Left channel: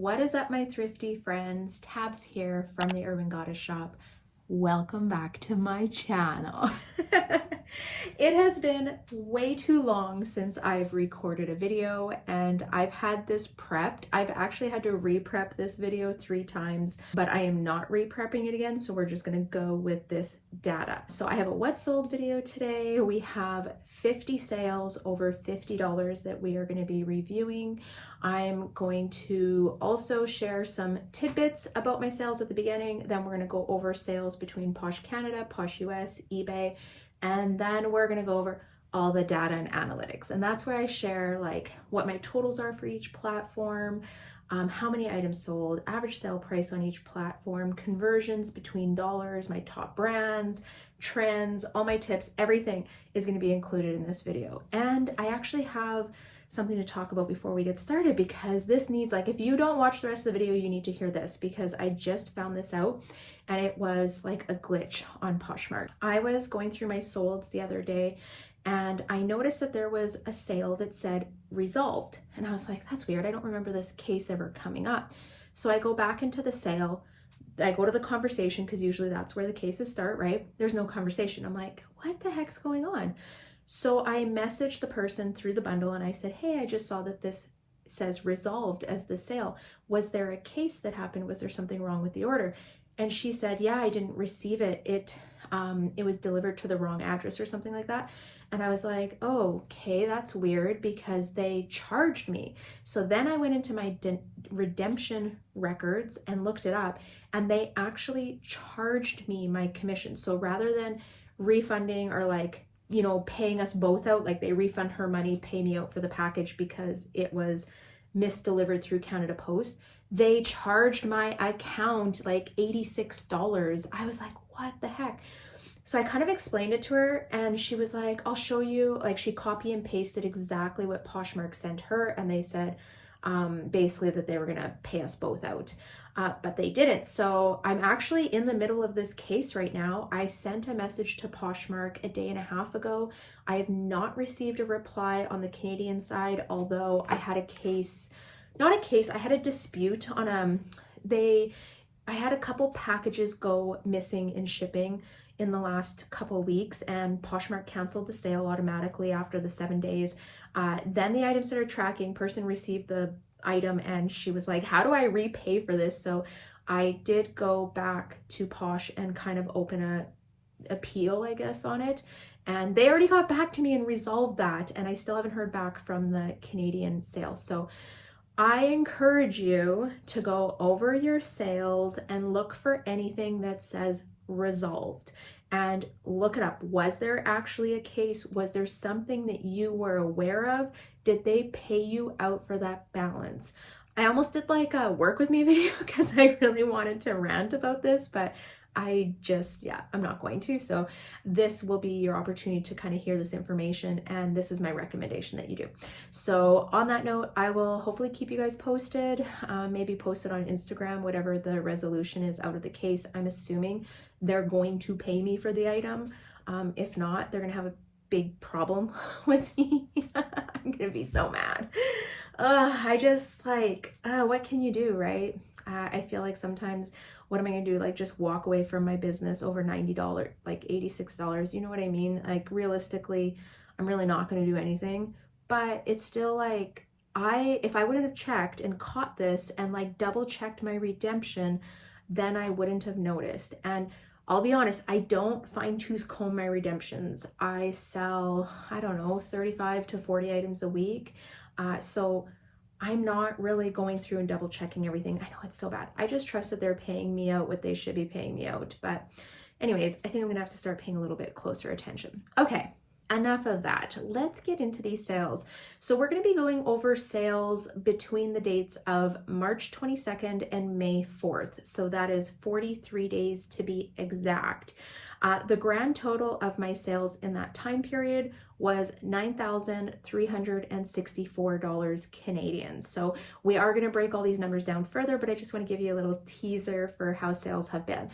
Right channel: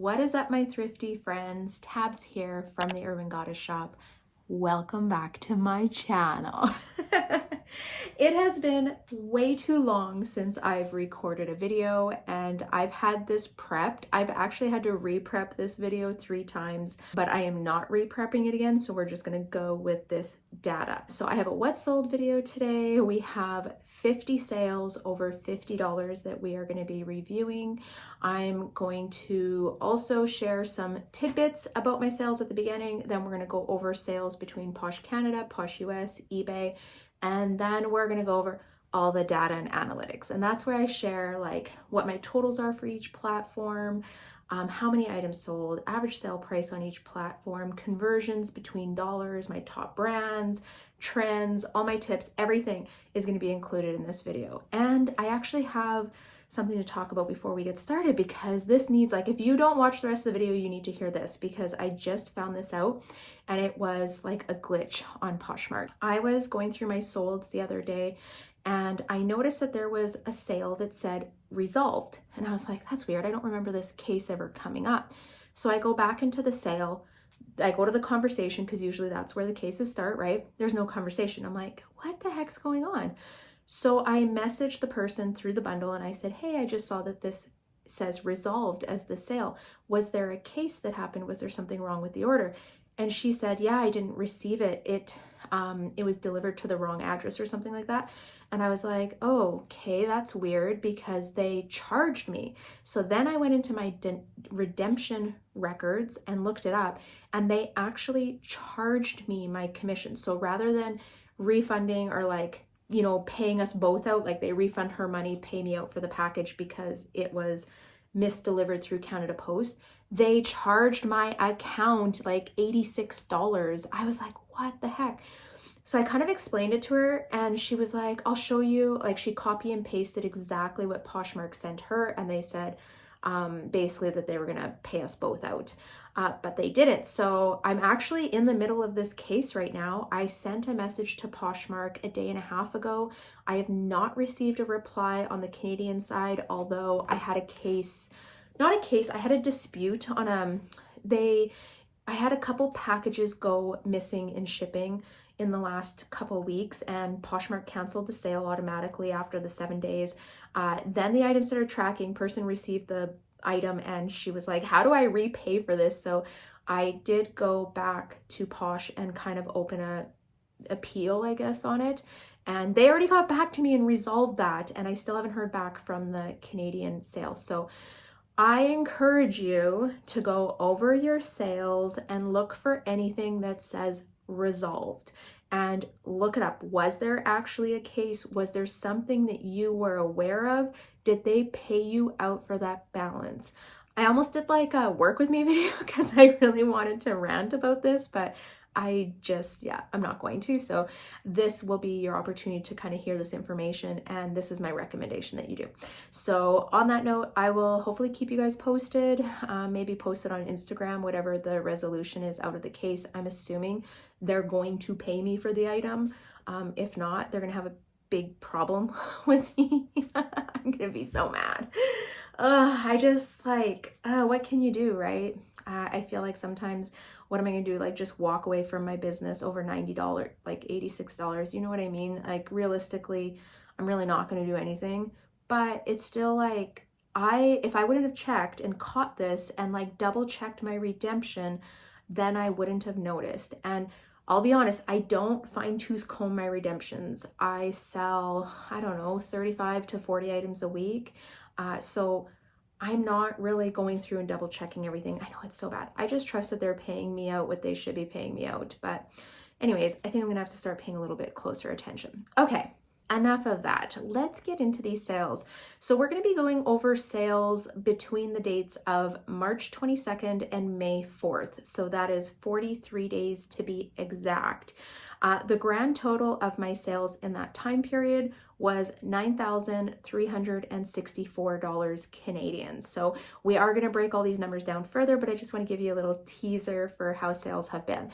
What is up, my thrifty friends? Tabs here from the Urban Goddess shop. Welcome back to my channel. It has been way too long since I've recorded a video and I've had this prepped. I've actually had to re-prep this video 3 times, but I am not re-prepping it again, so we're just gonna go with this data. So I have a what sold video today. We have 50 sales over $50 that we are going to be reviewing. I'm going to also share some tidbits about my sales at the beginning. Then we're going to go over sales between POSH Canada, POSH US, eBay, and then we're going to go over all the data and analytics. And that's where I share like what my totals are for each platform, how many items sold, average sale price on each platform, conversions between dollars, my top brands, trends, all my tips, everything is going to be included in this video. And I actually have something to talk about before we get started, because this needs, like, if you don't watch the rest of the video, you need to hear this, because I just found this out and it was like a glitch on Poshmark. I was going through my solds the other day and I noticed that there was a sale that said resolved. And I was like, that's weird. I don't remember this case ever coming up. So I go back into the sale. I go to the conversation, because usually that's where the cases start, right? There's no conversation. I'm like, what the heck's going on? So I messaged the person through the bundle and I said, hey, I just saw that this says resolved as the sale. Was there a case that happened? Was there something wrong with the order? And she said, yeah, I didn't receive it. It was delivered to the wrong address or something like that. And I was like, oh, okay, that's weird, because they charged me. So then I went into my redemption records and looked it up, and they actually charged me my commission. So rather than refunding or like, you know, paying us both out, like they refund her money, pay me out for the package because it was misdelivered through Canada Post, they charged my account like $86. I was like, what the heck? So I kind of explained it to her and she was like, I'll show you. Like, she copy and pasted exactly what Poshmark sent her, and they said basically that they were gonna pay us both out, but they didn't. So I'm actually in the middle of this case right now. I sent a message to Poshmark a day and a half ago. I have not received a reply on the Canadian side, although I had a case, not a case, I had a dispute on I had a couple packages go missing in shipping in the last couple weeks, and Poshmark canceled the sale automatically after the 7 days. Then the item started tracking, person received the item and she was like, how do I repay for this? So I did go back to Posh and kind of open a appeal, I guess, on it. And they already got back to me and resolved that. And I still haven't heard back from the Canadian sale. So I encourage you to go over your sales and look for anything that says resolved and look it up. Was there actually a case? Was there something that you were aware of? Did they pay you out for that balance? I almost did like a work with me video because I really wanted to rant about this, but I just, yeah, I'm not going to. So this will be your opportunity to kind of hear this information, and this is my recommendation that you do. So on that note, I will hopefully keep you guys posted, maybe post it on Instagram, whatever the resolution is out of the case. I'm assuming they're going to pay me for the item. If not, they're gonna have a big problem with me. I'm gonna be so mad. I just like, what can you do, right? I feel like sometimes, what am I gonna do? Like, just walk away from my business over $90, like $86, you know what I mean? Like, realistically, I'm really not gonna do anything, but it's still like, if I wouldn't have checked and caught this and like double checked my redemption, then I wouldn't have noticed. And I'll be honest, I don't fine tooth comb my redemptions. I sell, I don't know, 35 to 40 items a week. So I'm not really going through and double checking everything. I know it's so bad. I just trust that they're paying me out what they should be paying me out. But anyways, I think I'm gonna have to start paying a little bit closer attention. Okay, enough of that. Let's get into these sales. So we're gonna be going over sales between the dates of March 22nd and May 4th. So that is 43 days to be exact. The grand total of my sales in that time period was $9,364 Canadian. So we are going to break all these numbers down further, but I just want to give you a little teaser for how sales have been.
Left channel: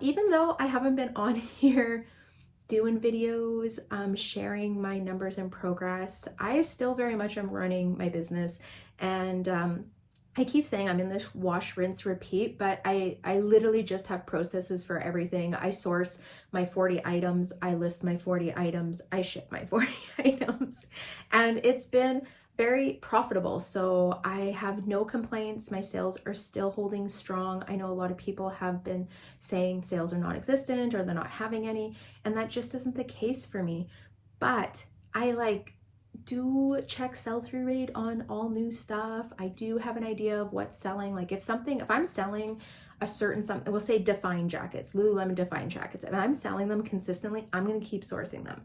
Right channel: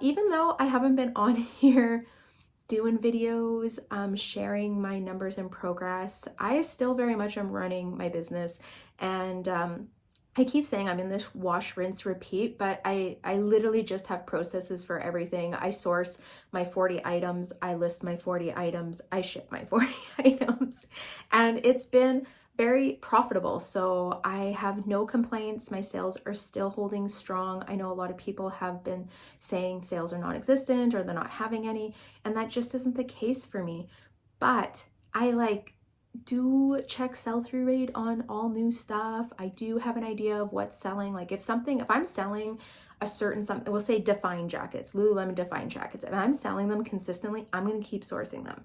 Even though I haven't been on here doing videos, sharing my numbers and progress, I still very much am running my business, and I keep saying I'm in this wash, rinse, repeat, but I literally just have processes for everything. I source my 40 items, I list my 40 items, I ship my 40 items, and it's been very profitable. So I have no complaints. My sales are still holding strong. I know a lot of people have been saying sales are non-existent or they're not having any, and that just isn't the case for me. But I do check sell-through rate on all new stuff. I do have an idea of what's selling. Like if I'm selling a certain something, we'll say Define jackets, Lululemon Define jackets. If I'm selling them consistently, I'm going to keep sourcing them.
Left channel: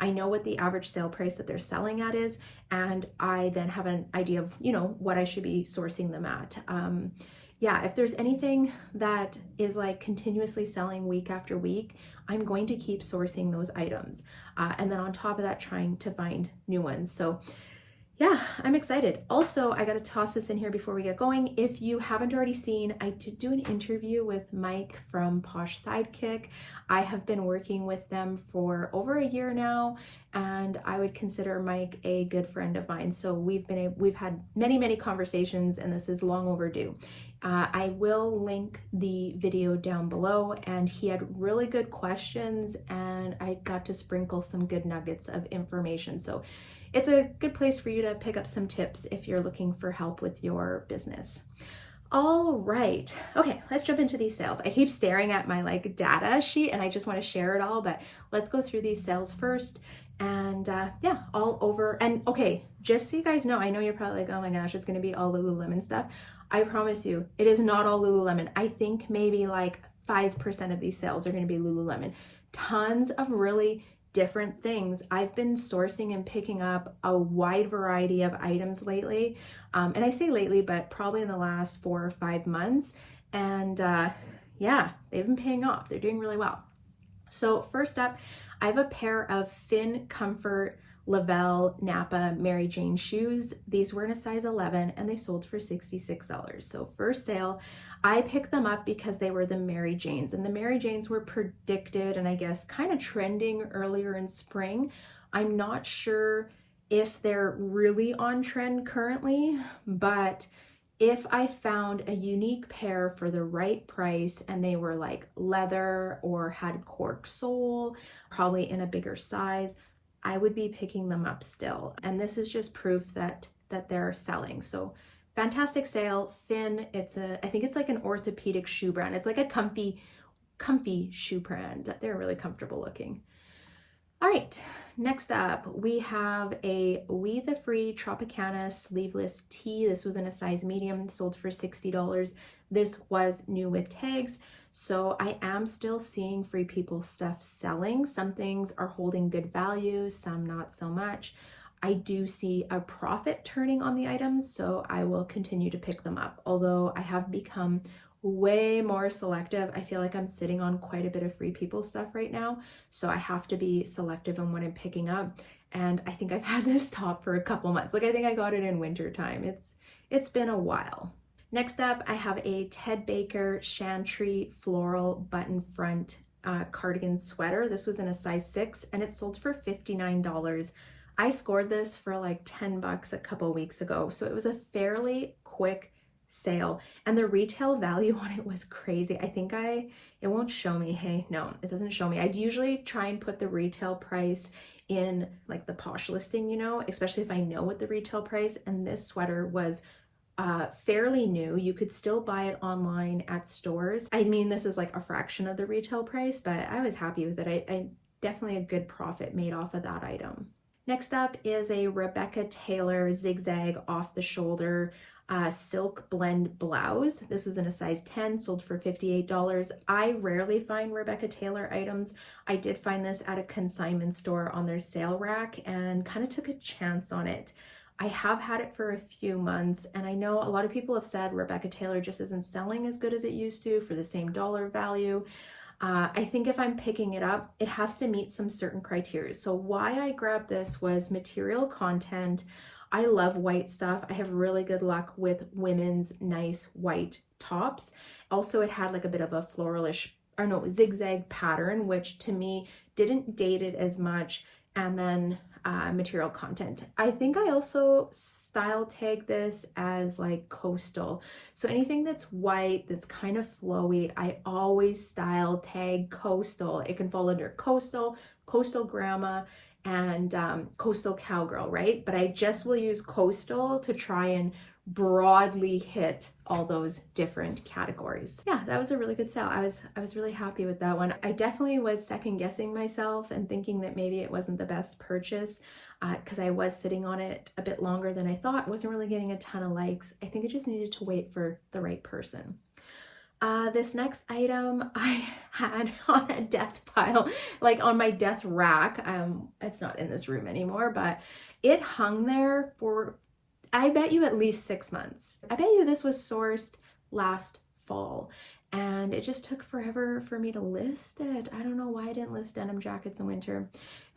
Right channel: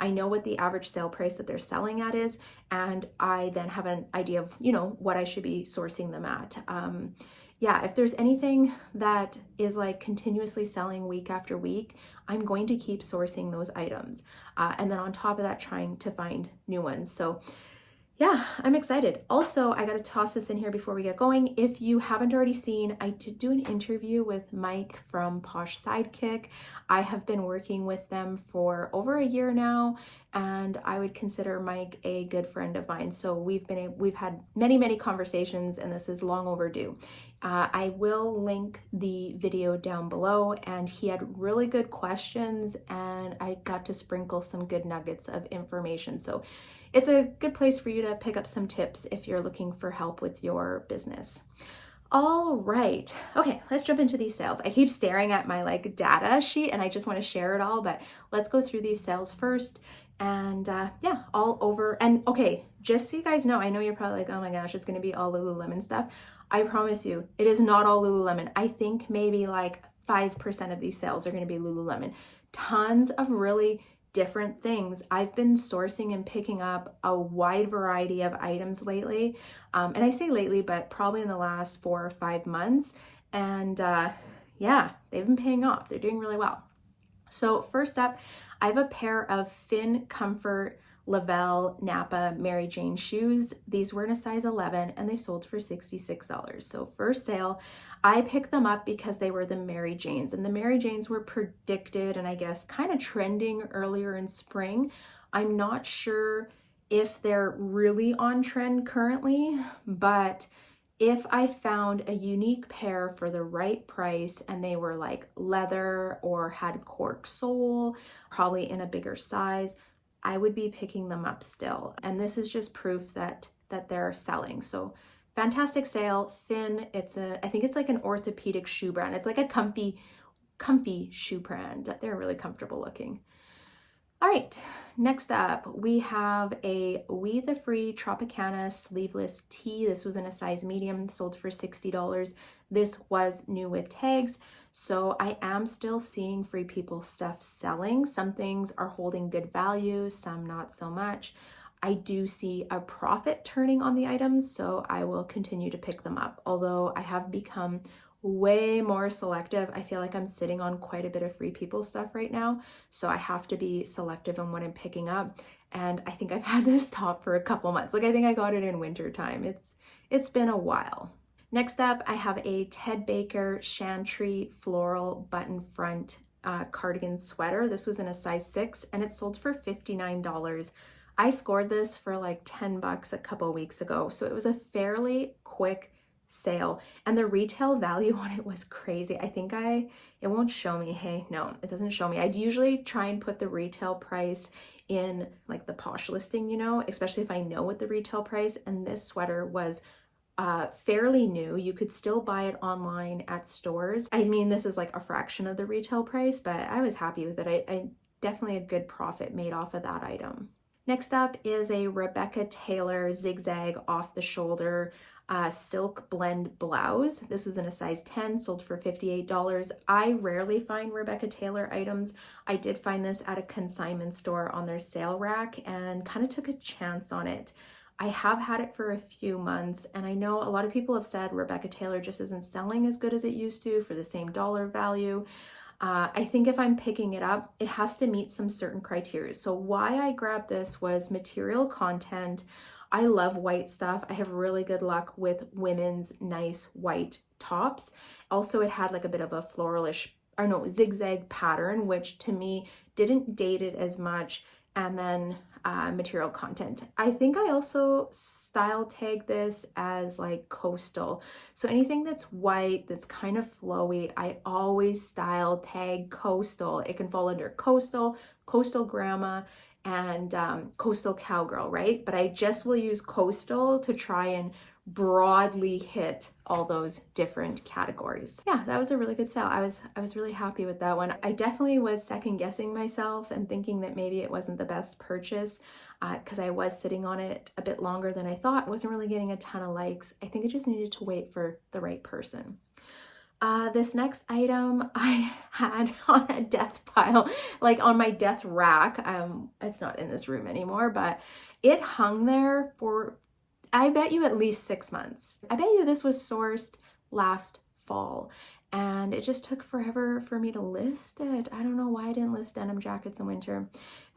I know what the average sale price that they're selling at is, and I then have an idea of, what I should be sourcing them at. Yeah, if there's anything that is like continuously selling week after week, I'm going to keep sourcing those items. And then on top of that, trying to find new ones. So yeah, I'm excited. Also, I got to toss this in here before we get going. If you haven't already seen, I did do an interview with Mike from POSH SIDEKICK. I have been working with them for over a year now, and I would consider Mike a good friend of mine. So we've had many conversations, and this is long overdue. I will link the video down below, and he had really good questions, and I got to sprinkle some good nuggets of information. So it's a good place for you to pick up some tips if you're looking for help with your business. All right. Okay, let's jump into these sales. I keep staring at my data sheet and I just want to share it all, but let's go through these sales first. And yeah, all over. And okay, just so you guys know, I know you're probably like, oh my gosh, it's going to be all Lululemon stuff. I promise you, it is not all Lululemon. I think maybe 5% of these sales are going to be Lululemon. Tons of really different things. I've been sourcing and picking up a wide variety of items lately. And I say lately, but probably in the last 4 or 5 months. And yeah, they've been paying off. They're doing really well. So first up, I have a pair of Finn Comfort Lavelle Napa Mary Jane shoes. These were in a size 11 and they sold for $66. So first sale, I picked them up because they were the Mary Janes, and the Mary Janes were predicted and I guess kind of trending earlier in spring. I'm not sure if they're really on trend currently, but if I found a unique pair for the right price and they were leather or had cork sole, probably in a bigger size, I would be picking them up still. And this is just proof that they're selling. So fantastic sale. Finn, I think it's an orthopedic shoe brand. It's a comfy shoe brand. They're really comfortable looking. All right, next up, we have a We The Free Tropicana sleeveless tee. This was in a size medium, sold for $60. This was new with tags. So I am still seeing Free People stuff selling. Some things are holding good value, some not so much. I do see a profit turning on the items, so I will continue to pick them up. Although I have become way more selective. I feel like I'm sitting on quite a bit of Free People stuff right now, so I have to be selective on what I'm picking up. And I think I've had this top for a couple months. I think I got it in winter time. It's been a while. Next up, I have a Ted Baker Chantry floral button front cardigan sweater. This was in a size 6 and it sold for $59. I scored this for $10 a couple weeks ago, so it was a fairly quick sale, and the retail value on it was crazy. I think it won't show me. Hey, no, it doesn't show me. I'd usually try and put the retail price in the POSH listing, especially if I know what the retail price, and this sweater was fairly new. You could still buy it online at stores. I mean, this is a fraction of the retail price, but I was happy with it. I definitely a good profit made off of that item. Next up is a Rebecca Taylor zigzag off the shoulder silk blend blouse. This was in a size 10, sold for $58. I rarely find Rebecca Taylor items. I did find this at a consignment store on their sale rack and kind of took a chance on it. I have had it for a few months, and I know a lot of people have said Rebecca Taylor just isn't selling as good as it used to for the same dollar value. I think if I'm picking it up, it has to meet some certain criteria. So why I grabbed this was material content. I love white stuff. I have really good luck with women's nice white tops. Also, it had a bit of a floralish, zigzag pattern, which to me didn't date it as much. And then material content. I think I also style tag this as like coastal. So anything that's white, that's kind of flowy, I always style tag coastal. It can fall under coastal, coastal grandma, and coastal cowgirl, right? But I just will use coastal to try and broadly hit all those different categories. Yeah, that was a really good sale. I was really happy with that one. I definitely was second guessing myself and thinking that maybe it wasn't the best purchase because I was sitting on it a bit longer than I thought. Wasn't really getting a ton of likes. I think I just needed to wait for the right person. This next item I had on a death pile, like on my death rack. It's not in this room anymore, but it hung there for, I bet you, at least 6 months. I bet you this was sourced last fall and it just took forever for me to list it. I don't know why I didn't list denim jackets in winter.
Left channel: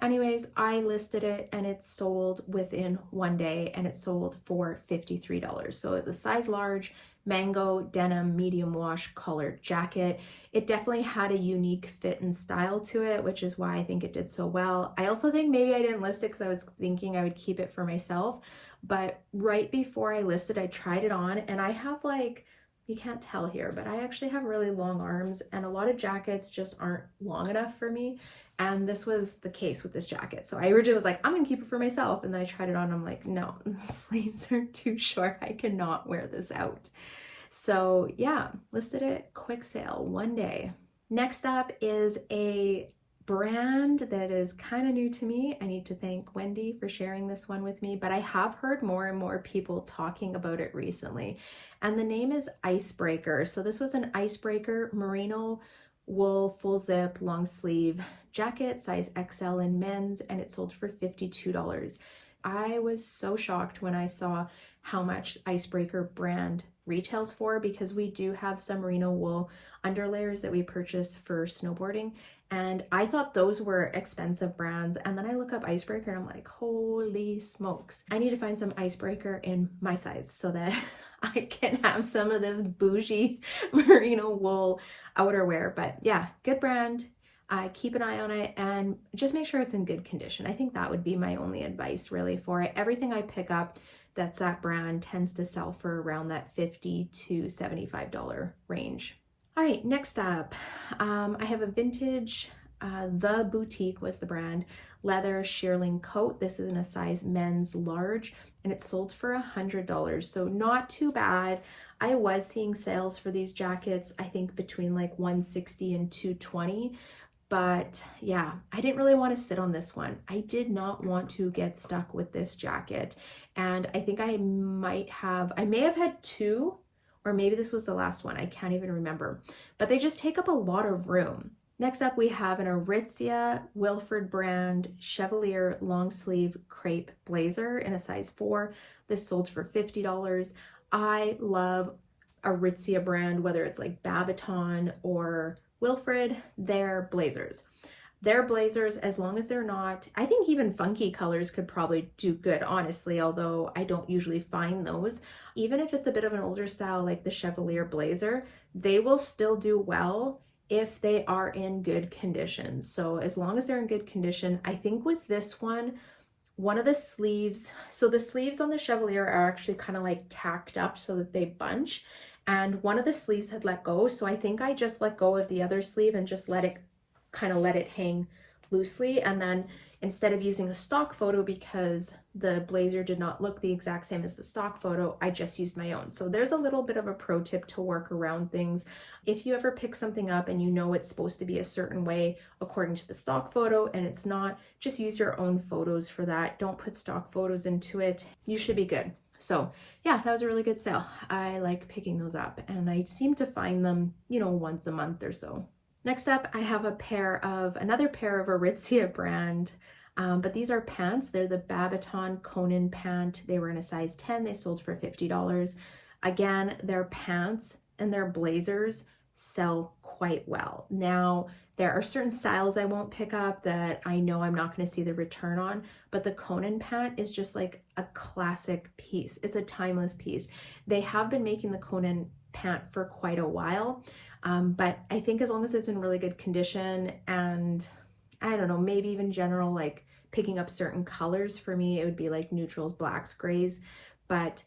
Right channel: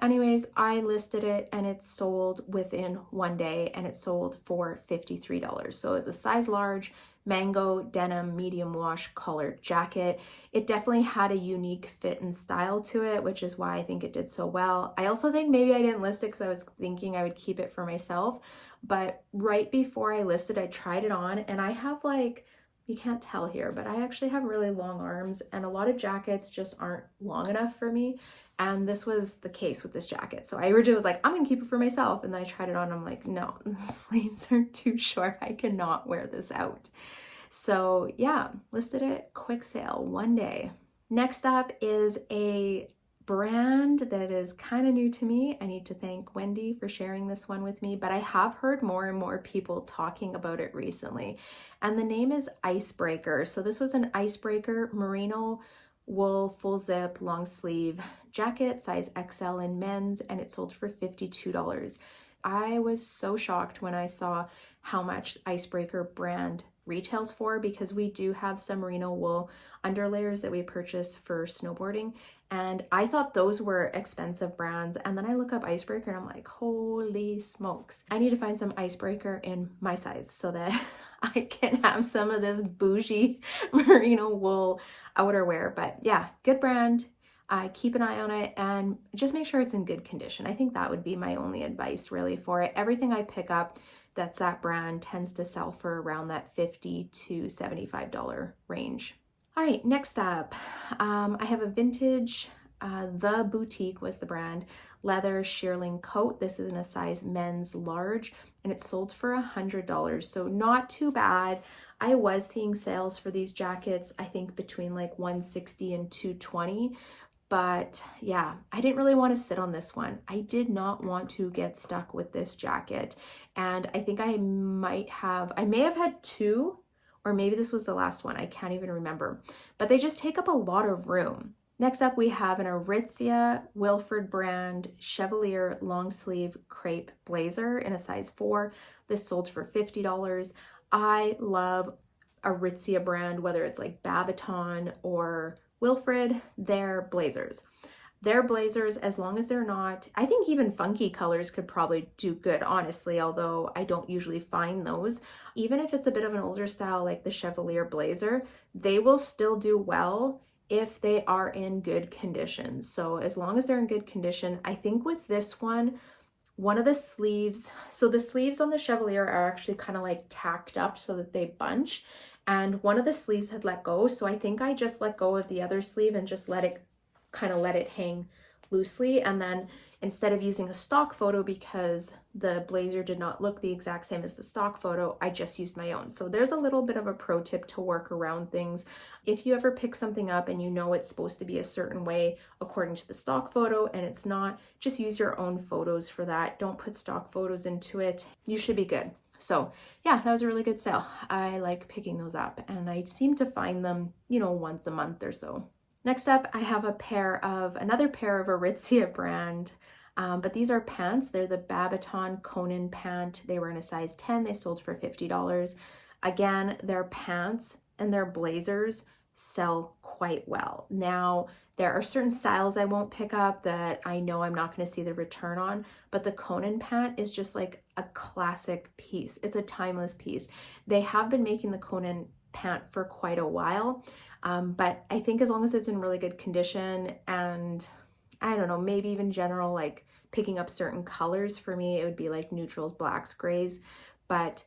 Anyways, I listed it and it sold within 1 day and it sold for $53. So it was a size large, mango denim medium wash colored jacket. It definitely had a unique fit and style to it, which is why I think it did so well. I also think maybe I didn't list it because I was thinking I would keep it for myself, but right before I listed, I tried it on and I have, like, you can't tell here, but I actually have really long arms and a lot of jackets just aren't long enough for me. And this was the case with this jacket. So I originally was like, I'm gonna keep it for myself. And then I tried it on and I'm like, no, the sleeves are too short. I cannot wear this out. So yeah, listed it, quick sale, 1 day. Next up is a brand that is kind of new to me. I need to thank Wendy for sharing this one with me, but I have heard more and more people talking about it recently. And the name is Icebreaker. So this was an Icebreaker merino wool full zip long sleeve jacket, size XL in men's, and it sold for $52. I was so shocked when I saw how much Icebreaker brand retails for, because we do have some merino wool underlayers that we purchase for snowboarding, and I thought those were expensive brands. And then I look up Icebreaker and I'm like, holy smokes, I need to find some Icebreaker in my size so that I can have some of this bougie merino wool outerwear. But yeah, good brand. Keep an eye on it and just make sure it's in good condition. I think that would be my only advice really for it. Everything I pick up that's that brand tends to sell for around that $50 to $75 range. All right, next up, I have a vintage, The Boutique was the brand, leather shearling coat. This is in a size men's large and it sold for $100. So not too bad. I was seeing sales for these jackets, I think between like $160 and $220. But yeah, I didn't really want to sit on this one. I did not want to get stuck with this jacket. And I think I may have had two, or maybe this was the last one. I can't even remember, but they just take up a lot of room. Next up, we have an Aritzia Wilford brand Chevalier long sleeve crepe blazer in a size 4. This sold for $50. I love Aritzia brand, whether it's like Babaton or Wilfred, their blazers. Their blazers, as long as they're not, I think even funky colors could probably do good, honestly, although I don't usually find those. Even if it's a bit of an older style like the Chevalier blazer, they will still do well if they are in good condition. So as long as they're in good condition, I think with this one of the sleeves, so the sleeves on the Chevalier are actually kind of like tacked up so that they bunch, and one of the sleeves had let go. So I think I just let go of the other sleeve and just let it hang loosely. And then instead of using a stock photo, because the blazer did not look the exact same as the stock photo, I just used my own. So there's a little bit of a pro tip to work around things. If you ever pick something up and you know it's supposed to be a certain way according to the stock photo and it's not, just use your own photos for that. Don't put stock photos into it. You should be good. So yeah, that was a really good sale. I like picking those up and I seem to find them, once a month or so. Next up, I have another pair of Aritzia brand, but these are pants. They're the Babaton Conan pant. They were in a size 10. They sold for $50. Again, their pants and their blazers sell quite well. Now, there are certain styles I won't pick up that I know I'm not going to see the return on, but the Conan pant is just like a classic piece. It's a timeless piece. They have been making the Conan pant for quite a while, but I think as long as it's in really good condition and I don't know, maybe even general like picking up certain colors. For me, it would be like neutrals, blacks, grays, but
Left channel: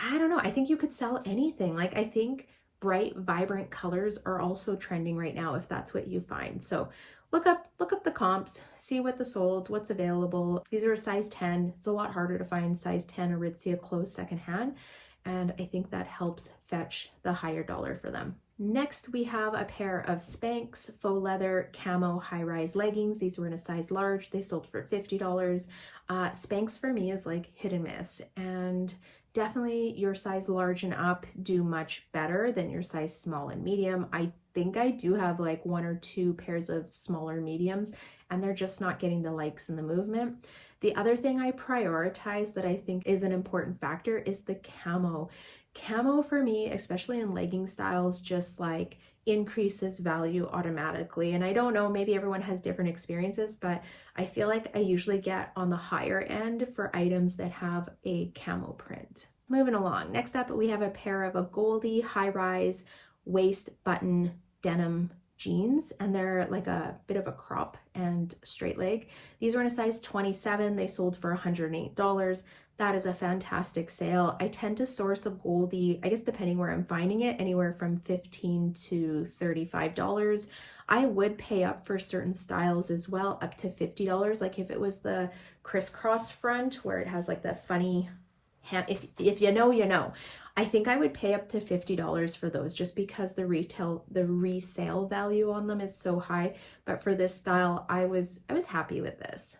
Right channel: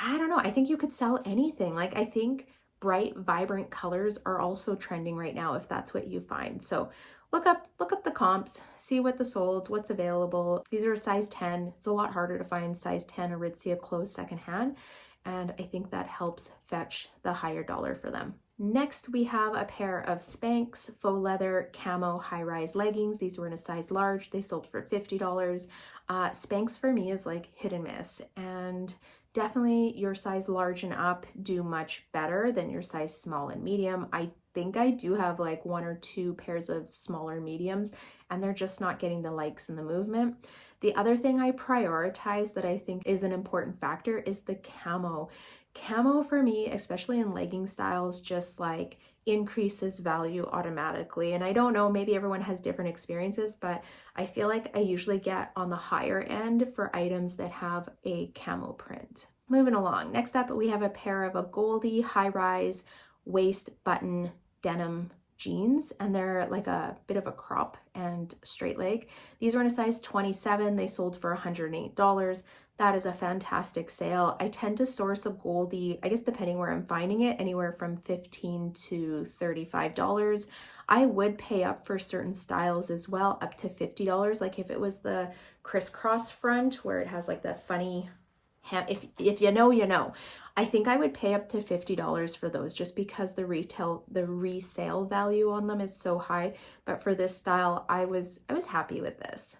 I don't know. I think you could sell anything. Like, I think bright, vibrant colors are also trending right now if that's what you find. So look up the comps, see what the sold, what's available. These are a size 10. It's a lot harder to find size 10 Aritzia clothes secondhand, and I think that helps fetch the higher dollar for them. Next, we have a pair of Spanx faux leather camo high-rise leggings. These were in a size large. They sold for $50. Spanx for me is like hit and miss, and definitely your size large and up do much better than your size small and medium. I think I do have like 1 or 2 pairs of smaller mediums, and they're just not getting the likes and the movement. The other thing I prioritize that I think is an important factor is the camo. Camo for me, especially in legging styles, just like increases value automatically. And I don't know, maybe everyone has different experiences, but I feel like I usually get on the higher end for items that have a camo print. Moving along, next up we have a pair of a Goldie high-rise waist button denim jeans, and they're like a bit of a crop and straight leg. These were in a size 27. They sold for $108. That is a fantastic sale. I tend to source a Goldie, I guess depending where I'm finding it, anywhere from $15 to $35. I would pay up for certain styles as well, up to $50. Like if it was the crisscross front where it has like that funny hem, if you know, you know. I think I would pay up to $50 for those just because the resale value on them is so high. But for this style, I was happy with this.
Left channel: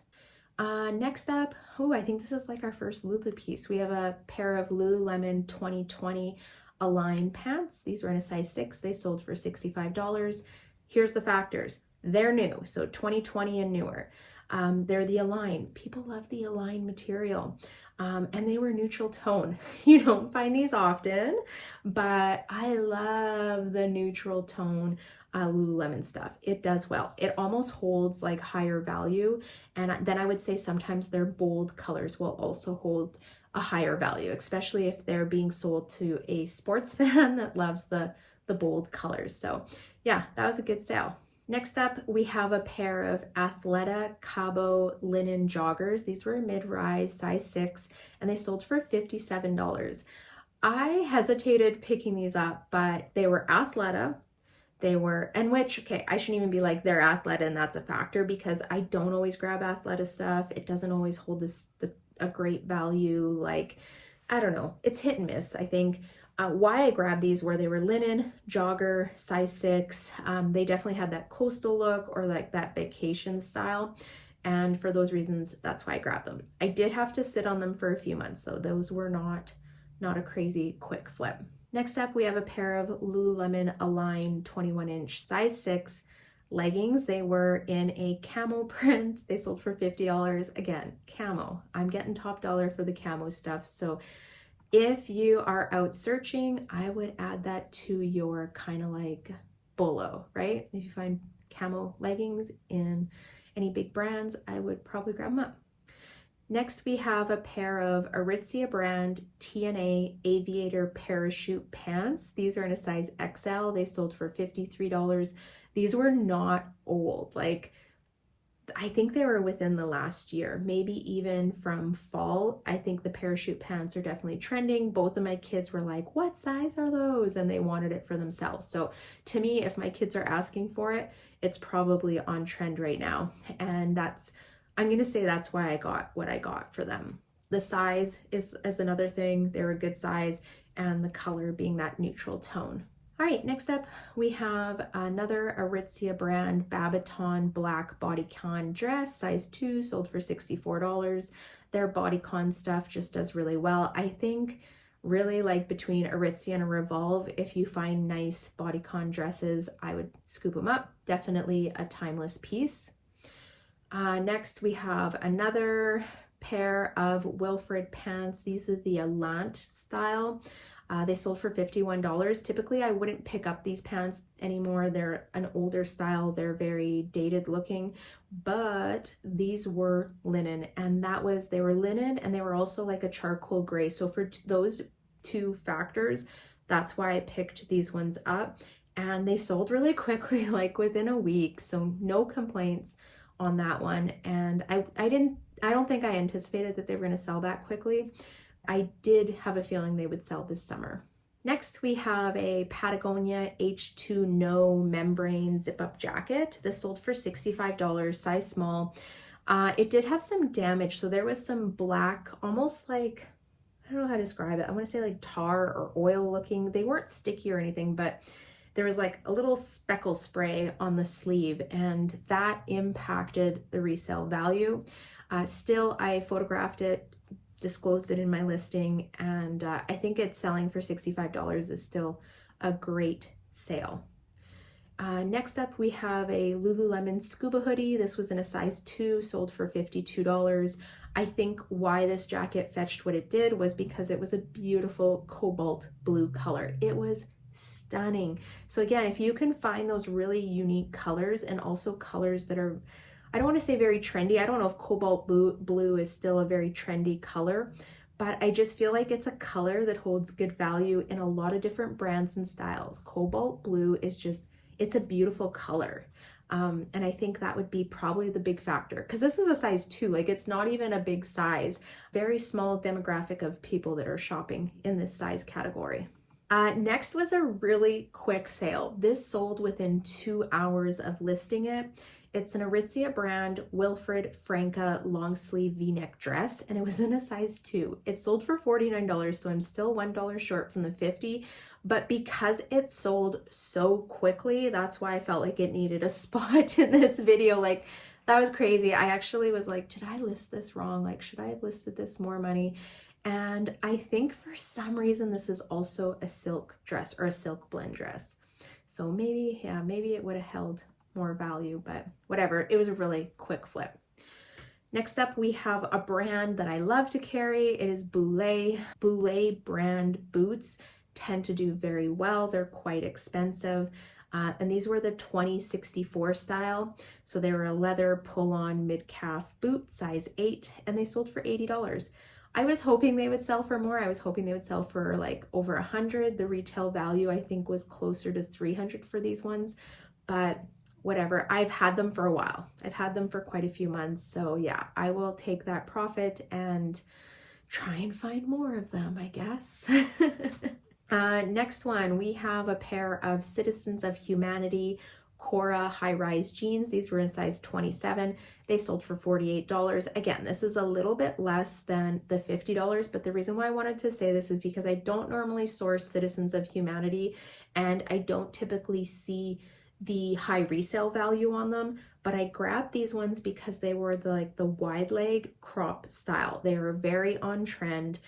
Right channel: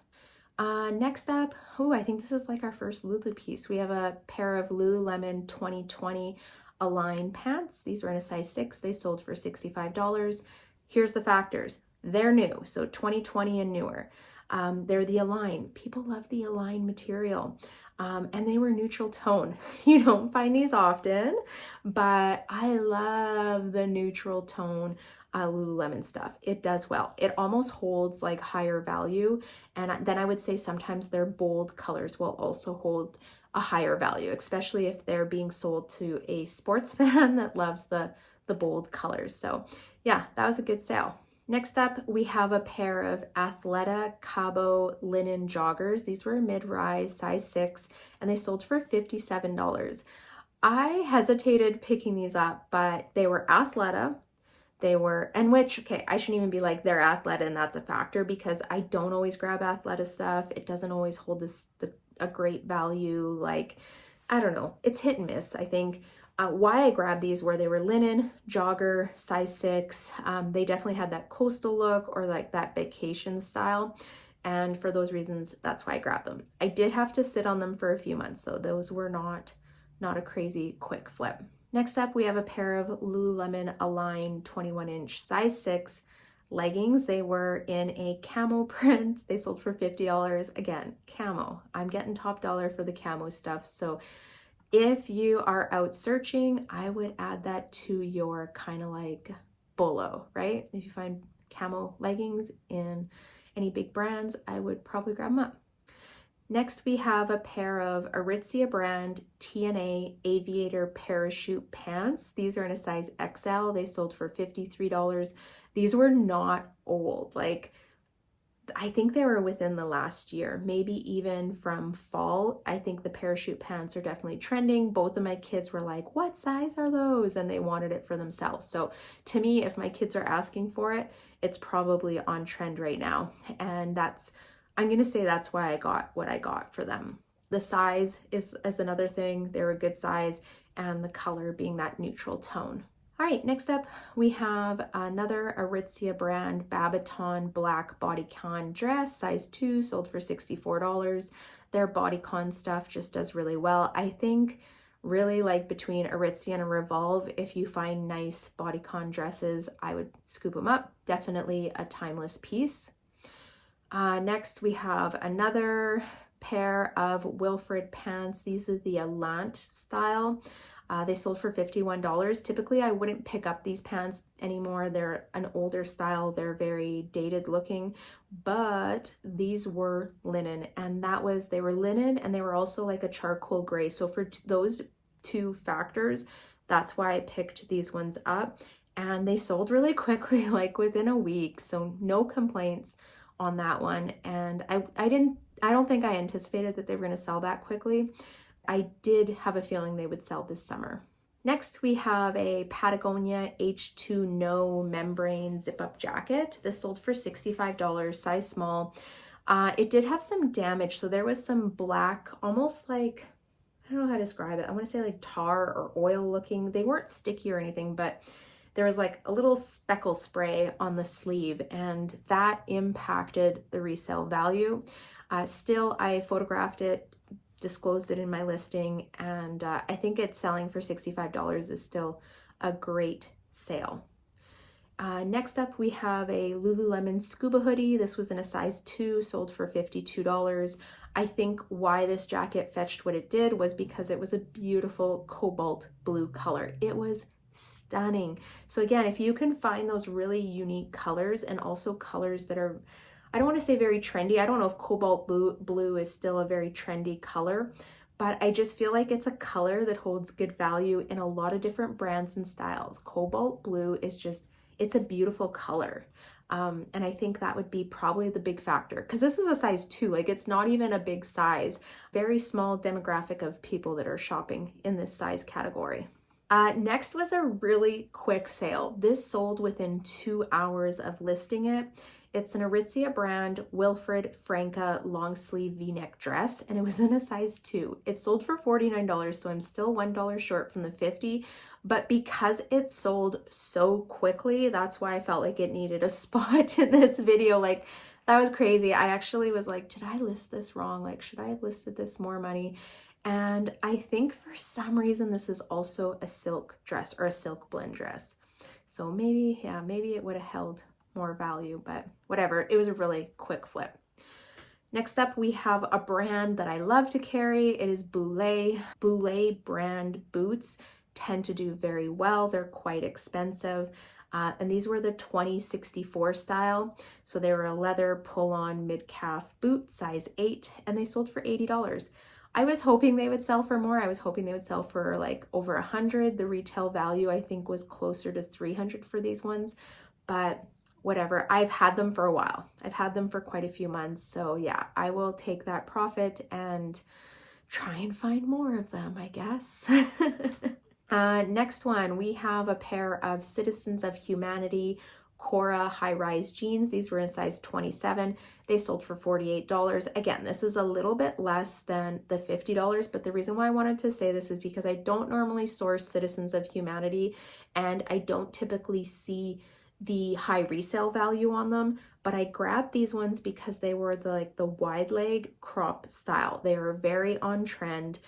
Next up, I think this is like our first Lulu piece. We have a pair of Lululemon 2020 Align pants. These were in a size 6. They sold for $65. Here's the factors. They're new, so 2020 and newer. They're the Align. People love the Align material. And they were neutral tone. You don't find these often, but I love the neutral tone Lululemon stuff. It does well. It almost holds like higher value. And then I would say sometimes their bold colors will also hold a higher value, especially if they're being sold to a sports fan that loves the bold colors. So yeah, that was a good sale. Next up, we have a pair of Athleta Cabo linen joggers. These were mid-rise, size 6, and they sold for $57. I hesitated picking these up, but they were Athleta. Okay, I shouldn't even be like they're Athleta and that's a factor, because I don't always grab Athleta stuff. It doesn't always hold a great value. Like, I don't know, it's hit and miss, I think. Why I grabbed these were they were linen, jogger, size 6. They definitely had that coastal look or like that vacation style. And for those reasons, that's why I grabbed them. I did have to sit on them for a few months, though. Those were not a crazy quick flip. Next up, we have a pair of Lululemon Align 21-inch size 6 leggings. They were in a camo print. They sold for $50. Again, camo. I'm getting top dollar for the camo stuff. So if you are out searching, I would add that to your kind of like bolo, right? If you find camo leggings in any big brands, I would probably grab them up. Next, we have a pair of Aritzia brand TNA Aviator parachute pants. These are in a size XL. They sold for $53. These were not old. Like, I think they were within the last year, maybe even from fall. I think the parachute pants are definitely trending. Both of my kids were like, what size are those? And they wanted it for themselves. So to me, if my kids are asking for it, it's probably on trend right now. And I'm going to say that's why I got what I got for them. The size is another thing. They're a good size, and the color being that neutral tone. All right, next up, we have another Aritzia brand Babaton black bodycon dress, size 2, sold for $64. Their bodycon stuff just does really well. I think really like between Aritzia and Revolve, if you find nice bodycon dresses, I would scoop them up. Definitely a timeless piece. Next, we have another pair of Wilfred pants. These are the Alant style. They sold for $51. Typically, I wouldn't pick up these pants anymore. They're an older style. They're very dated looking, but these were linen, and they were linen, and they were also like a charcoal gray. So for those two factors, that's why I picked these ones up, and they sold really quickly, like within a week. So no complaints on that one, and I don't think I anticipated that they were going to sell that quickly. I did have a feeling they would sell this summer. Next, we have a Patagonia H2 No membrane zip-up jacket. This sold for $65, size small. It did have some damage, so there was some black, almost like, I don't know how to describe it. I want to say like tar or oil looking. They weren't sticky or anything, but there was like a little speckle spray on the sleeve, and that impacted the resale value. Still, I photographed it, disclosed it in my listing, and I think it's selling for $65 is still a great sale. Next up, we have a Lululemon scuba hoodie. This was in a size 2, sold for $52. I think why this jacket fetched what it did was because it was a beautiful cobalt blue color. It was stunning. So again, if you can find those really unique colors, and also colors that are, I don't want to say very trendy. I don't know if cobalt blue is still a very trendy color, but I just feel like it's a color that holds good value in a lot of different brands and styles. Cobalt blue is just, it's a beautiful color. And I think that would be probably the big factor, because this is a size 2, like it's not even a big size, very small demographic of people that are shopping in this size category. Next was a really quick sale. This sold within 2 hours of listing it. It's an Aritzia brand Wilfred Franca long sleeve v-neck dress, and it was in a size 2. It sold for $49, so I'm still $1 short from the $50. But because it sold so quickly, that's why I felt like it needed a spot in this video. Like, that was crazy. I actually was like, did I list this wrong? Like, should I have listed this more money? And I think for some reason, this is also a silk dress or a silk blend dress. So maybe, yeah, maybe it would have held more value, but whatever. It was a really quick flip. Next up, we have a brand that I love to carry. It is Boulay. Boulay brand boots tend to do very well. They're quite expensive. And these were the 2064 style. So they were a leather pull-on mid-calf boot, size 8, and they sold for $80. I was hoping they would sell for more. I was hoping they would sell for like over 100. The retail value, I think, was closer to 300 for these ones, but whatever. I've had them for a while. I've had them for quite a few months. So yeah, I will take that profit and try and find more of them, I guess. Next one, we have a pair of Citizens of Humanity Cora high-rise jeans. These were in size 27. They sold for $48. Again, this is a little bit less than the $50, but the reason why I wanted to say this is because I don't normally source Citizens of Humanity, and I don't typically see the high resale value on them, but I grabbed these ones because they were the wide leg crop style. They are very on trend.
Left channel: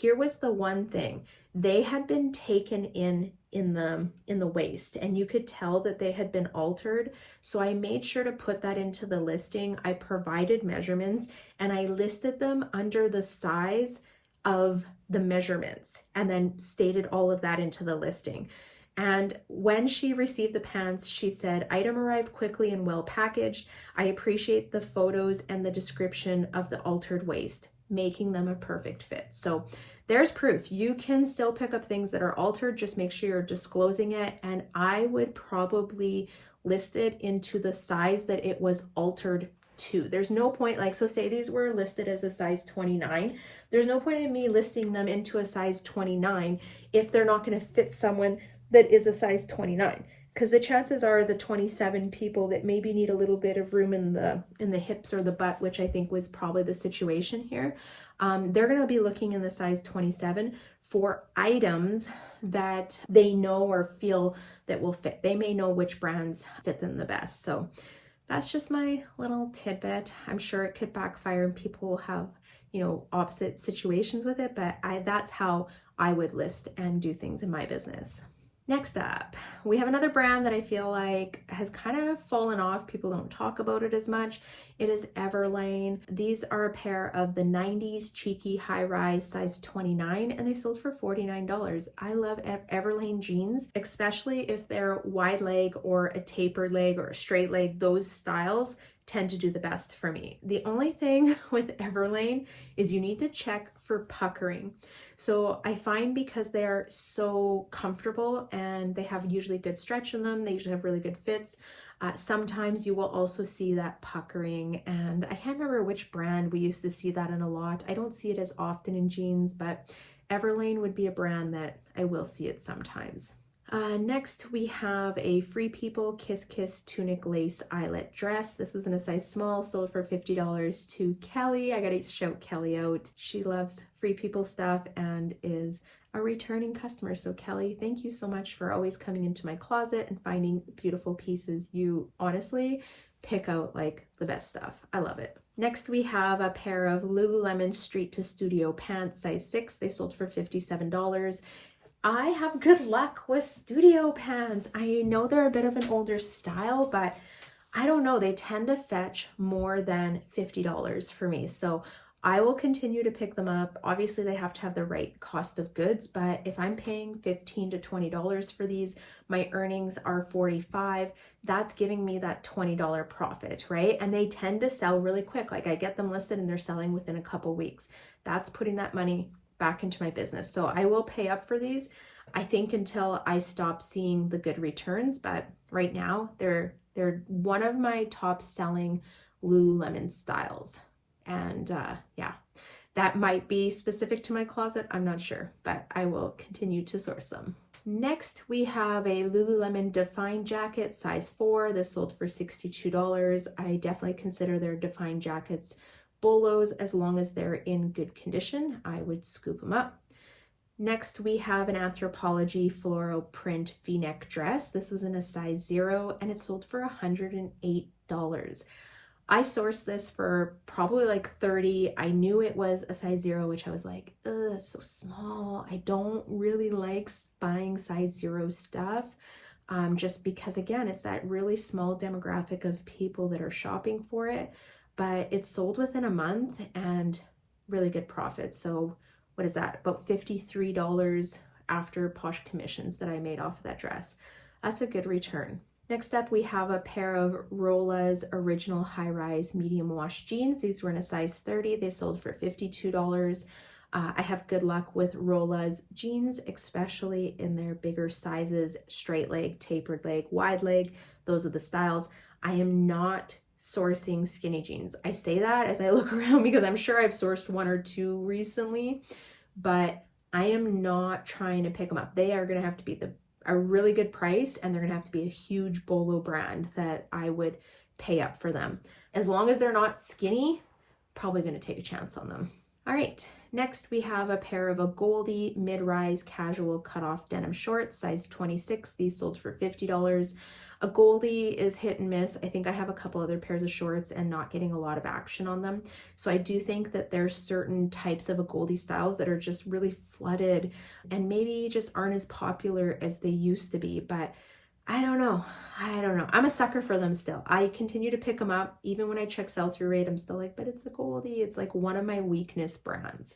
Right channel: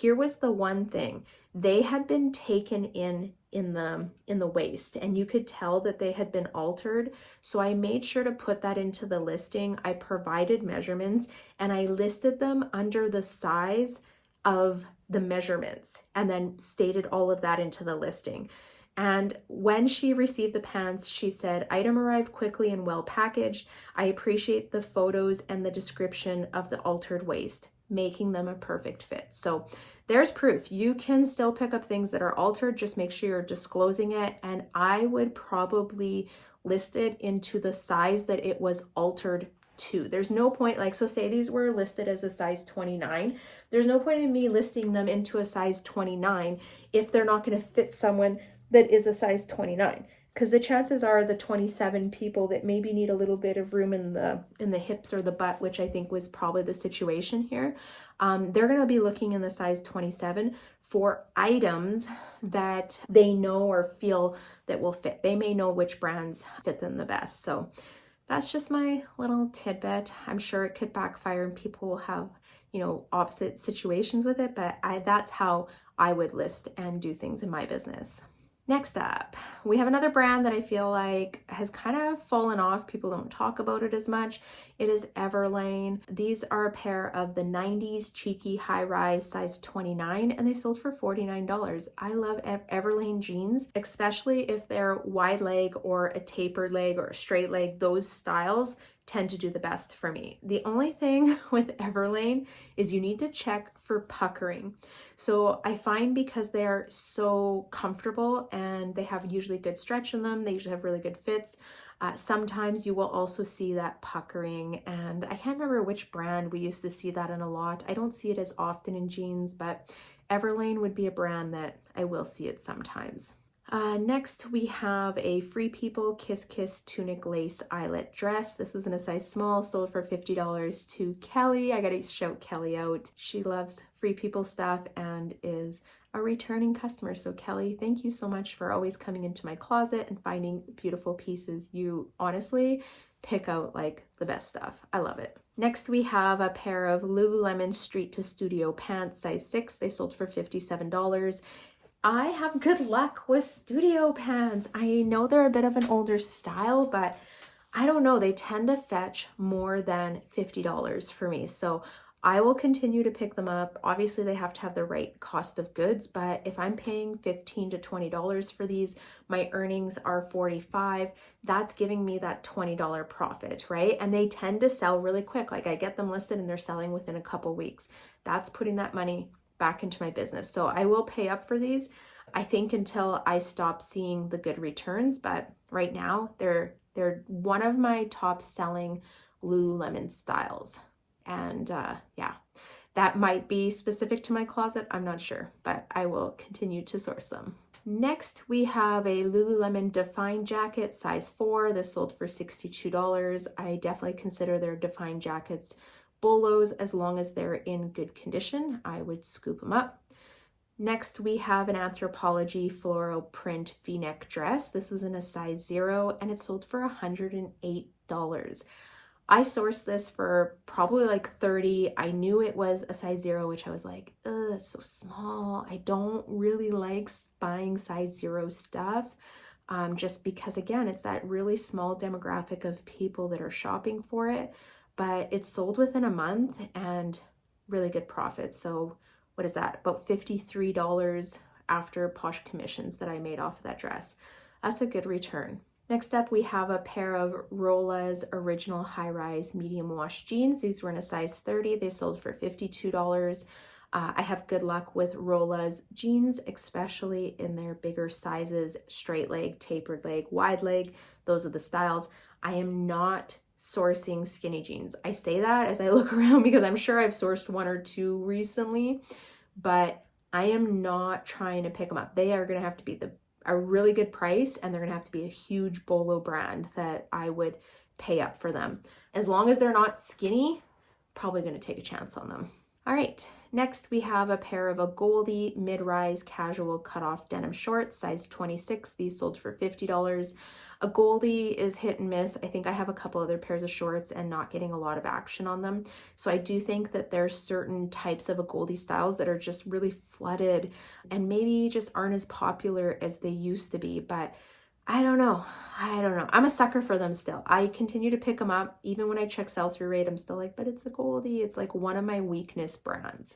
Here was the one thing. They had been taken in the waist, and you could tell that they had been altered. So I made sure to put that into the listing. I provided measurements, and I listed them under the size of the measurements, and then stated all of that into the listing. And when she received the pants, she said, "Item arrived quickly and well packaged. I appreciate the photos and the description of the altered waist, making them a perfect fit." So there's proof. You can still pick up things that are altered. Just make sure you're disclosing it. And I would probably list it into the size that it was altered to. There's no point, like, so say these were listed as a size 29. There's no point in me listing them into a size 29 if they're not going to fit someone that is a size 29, because the chances are the 27 people that maybe need a little bit of room in the hips or the butt, which I think was probably the situation here, they're going to be looking in the size 27 for items that they know or feel that will fit. They may know which brands fit them the best. So that's just my little tidbit. I'm sure it could backfire and people will have, you know, opposite situations with it, but that's how I would list and do things in my business. Next up, we have another brand that I feel like has kind of fallen off. People don't talk about it as much. It is Everlane. These are a pair of the 90s cheeky high-rise size 29, and they sold for $49. I love Everlane jeans, especially if they're wide leg or a tapered leg or a straight leg. Those styles tend to do the best for me. The only thing with Everlane is you need to check for puckering. So I find because they are so comfortable and they have usually good stretch in them, they usually have really good fits. Sometimes you will also see that puckering, and I can't remember which brand we used to see that in a lot. I don't see it as often in jeans, but Everlane would be a brand that I will see it sometimes. Next, we have a Free People Kiss Kiss tunic lace eyelet dress. This was in a size small, sold for $50 to Kelly. I gotta shout Kelly out. She loves Free People stuff and is a returning customer. So Kelly, thank you so much for always coming into my closet and finding beautiful pieces. You honestly pick out like the best stuff. I love it. Next, we have a pair of Lululemon Street to Studio pants, size 6. They sold for $57. I have good luck with studio pants. I know they're a bit of an older style, but I don't know, they tend to fetch more than $50 for me. So I will continue to pick them up. Obviously they have to have the right cost of goods, but if I'm paying $15 to $20 for these, my earnings are $45. That's giving me that $20 profit, right? And they tend to sell really quick. Like I get them listed and they're selling within a couple weeks. That's putting that money back into my business. So I will pay up for these, I think, until I stop seeing the good returns. But right now they're one of my top selling Lululemon styles. And yeah, that might be specific to my closet. I'm not sure, but I will continue to source them. Next, we have a Lululemon Define jacket, size 4. This sold for $62. I definitely consider their Define jackets bolos as long as they're in good condition. I would scoop them up. Next, we have an Anthropologie floral print v-neck dress. This is in a size 0 and it sold for $108. I sourced this for probably like $30. I knew it was a size 0, which I was like, ugh, that's so small. I don't really like buying size 0 stuff. Just because again, it's that really small demographic of people that are shopping for it. But it's sold within a month and really good profit. So what is that? About $53 after POSH commissions that I made off of that dress. That's a good return. Next up, we have a pair of Rola's original high-rise medium wash jeans. These were in a size 30. They sold for $52. I have good luck with Rola's jeans, especially in their bigger sizes, straight leg, tapered leg, wide leg. Those are the styles. I am not sourcing skinny jeans. I say that as I look around because I'm sure I've sourced 1 or 2 recently, but I am not trying to pick them up. They are going to have to be a really good price, and they're going to have to be a huge bolo brand that I would pay up for them. As long as they're not skinny, probably going to take a chance on them. All right, next we have a pair of a Goldie mid-rise casual cutoff denim shorts, size 26. These sold for $50. A Goldie is hit and miss. I think I have a couple other pairs of shorts and not getting a lot of action on them. So I do think that there's certain types of a Goldie styles that are just really flooded and maybe just aren't as popular as they used to be. But I don't know. I'm a sucker for them still. I continue to pick them up. Even when I check sell-through rate, I'm still like, but it's a Goldie. It's like one of my weakness brands.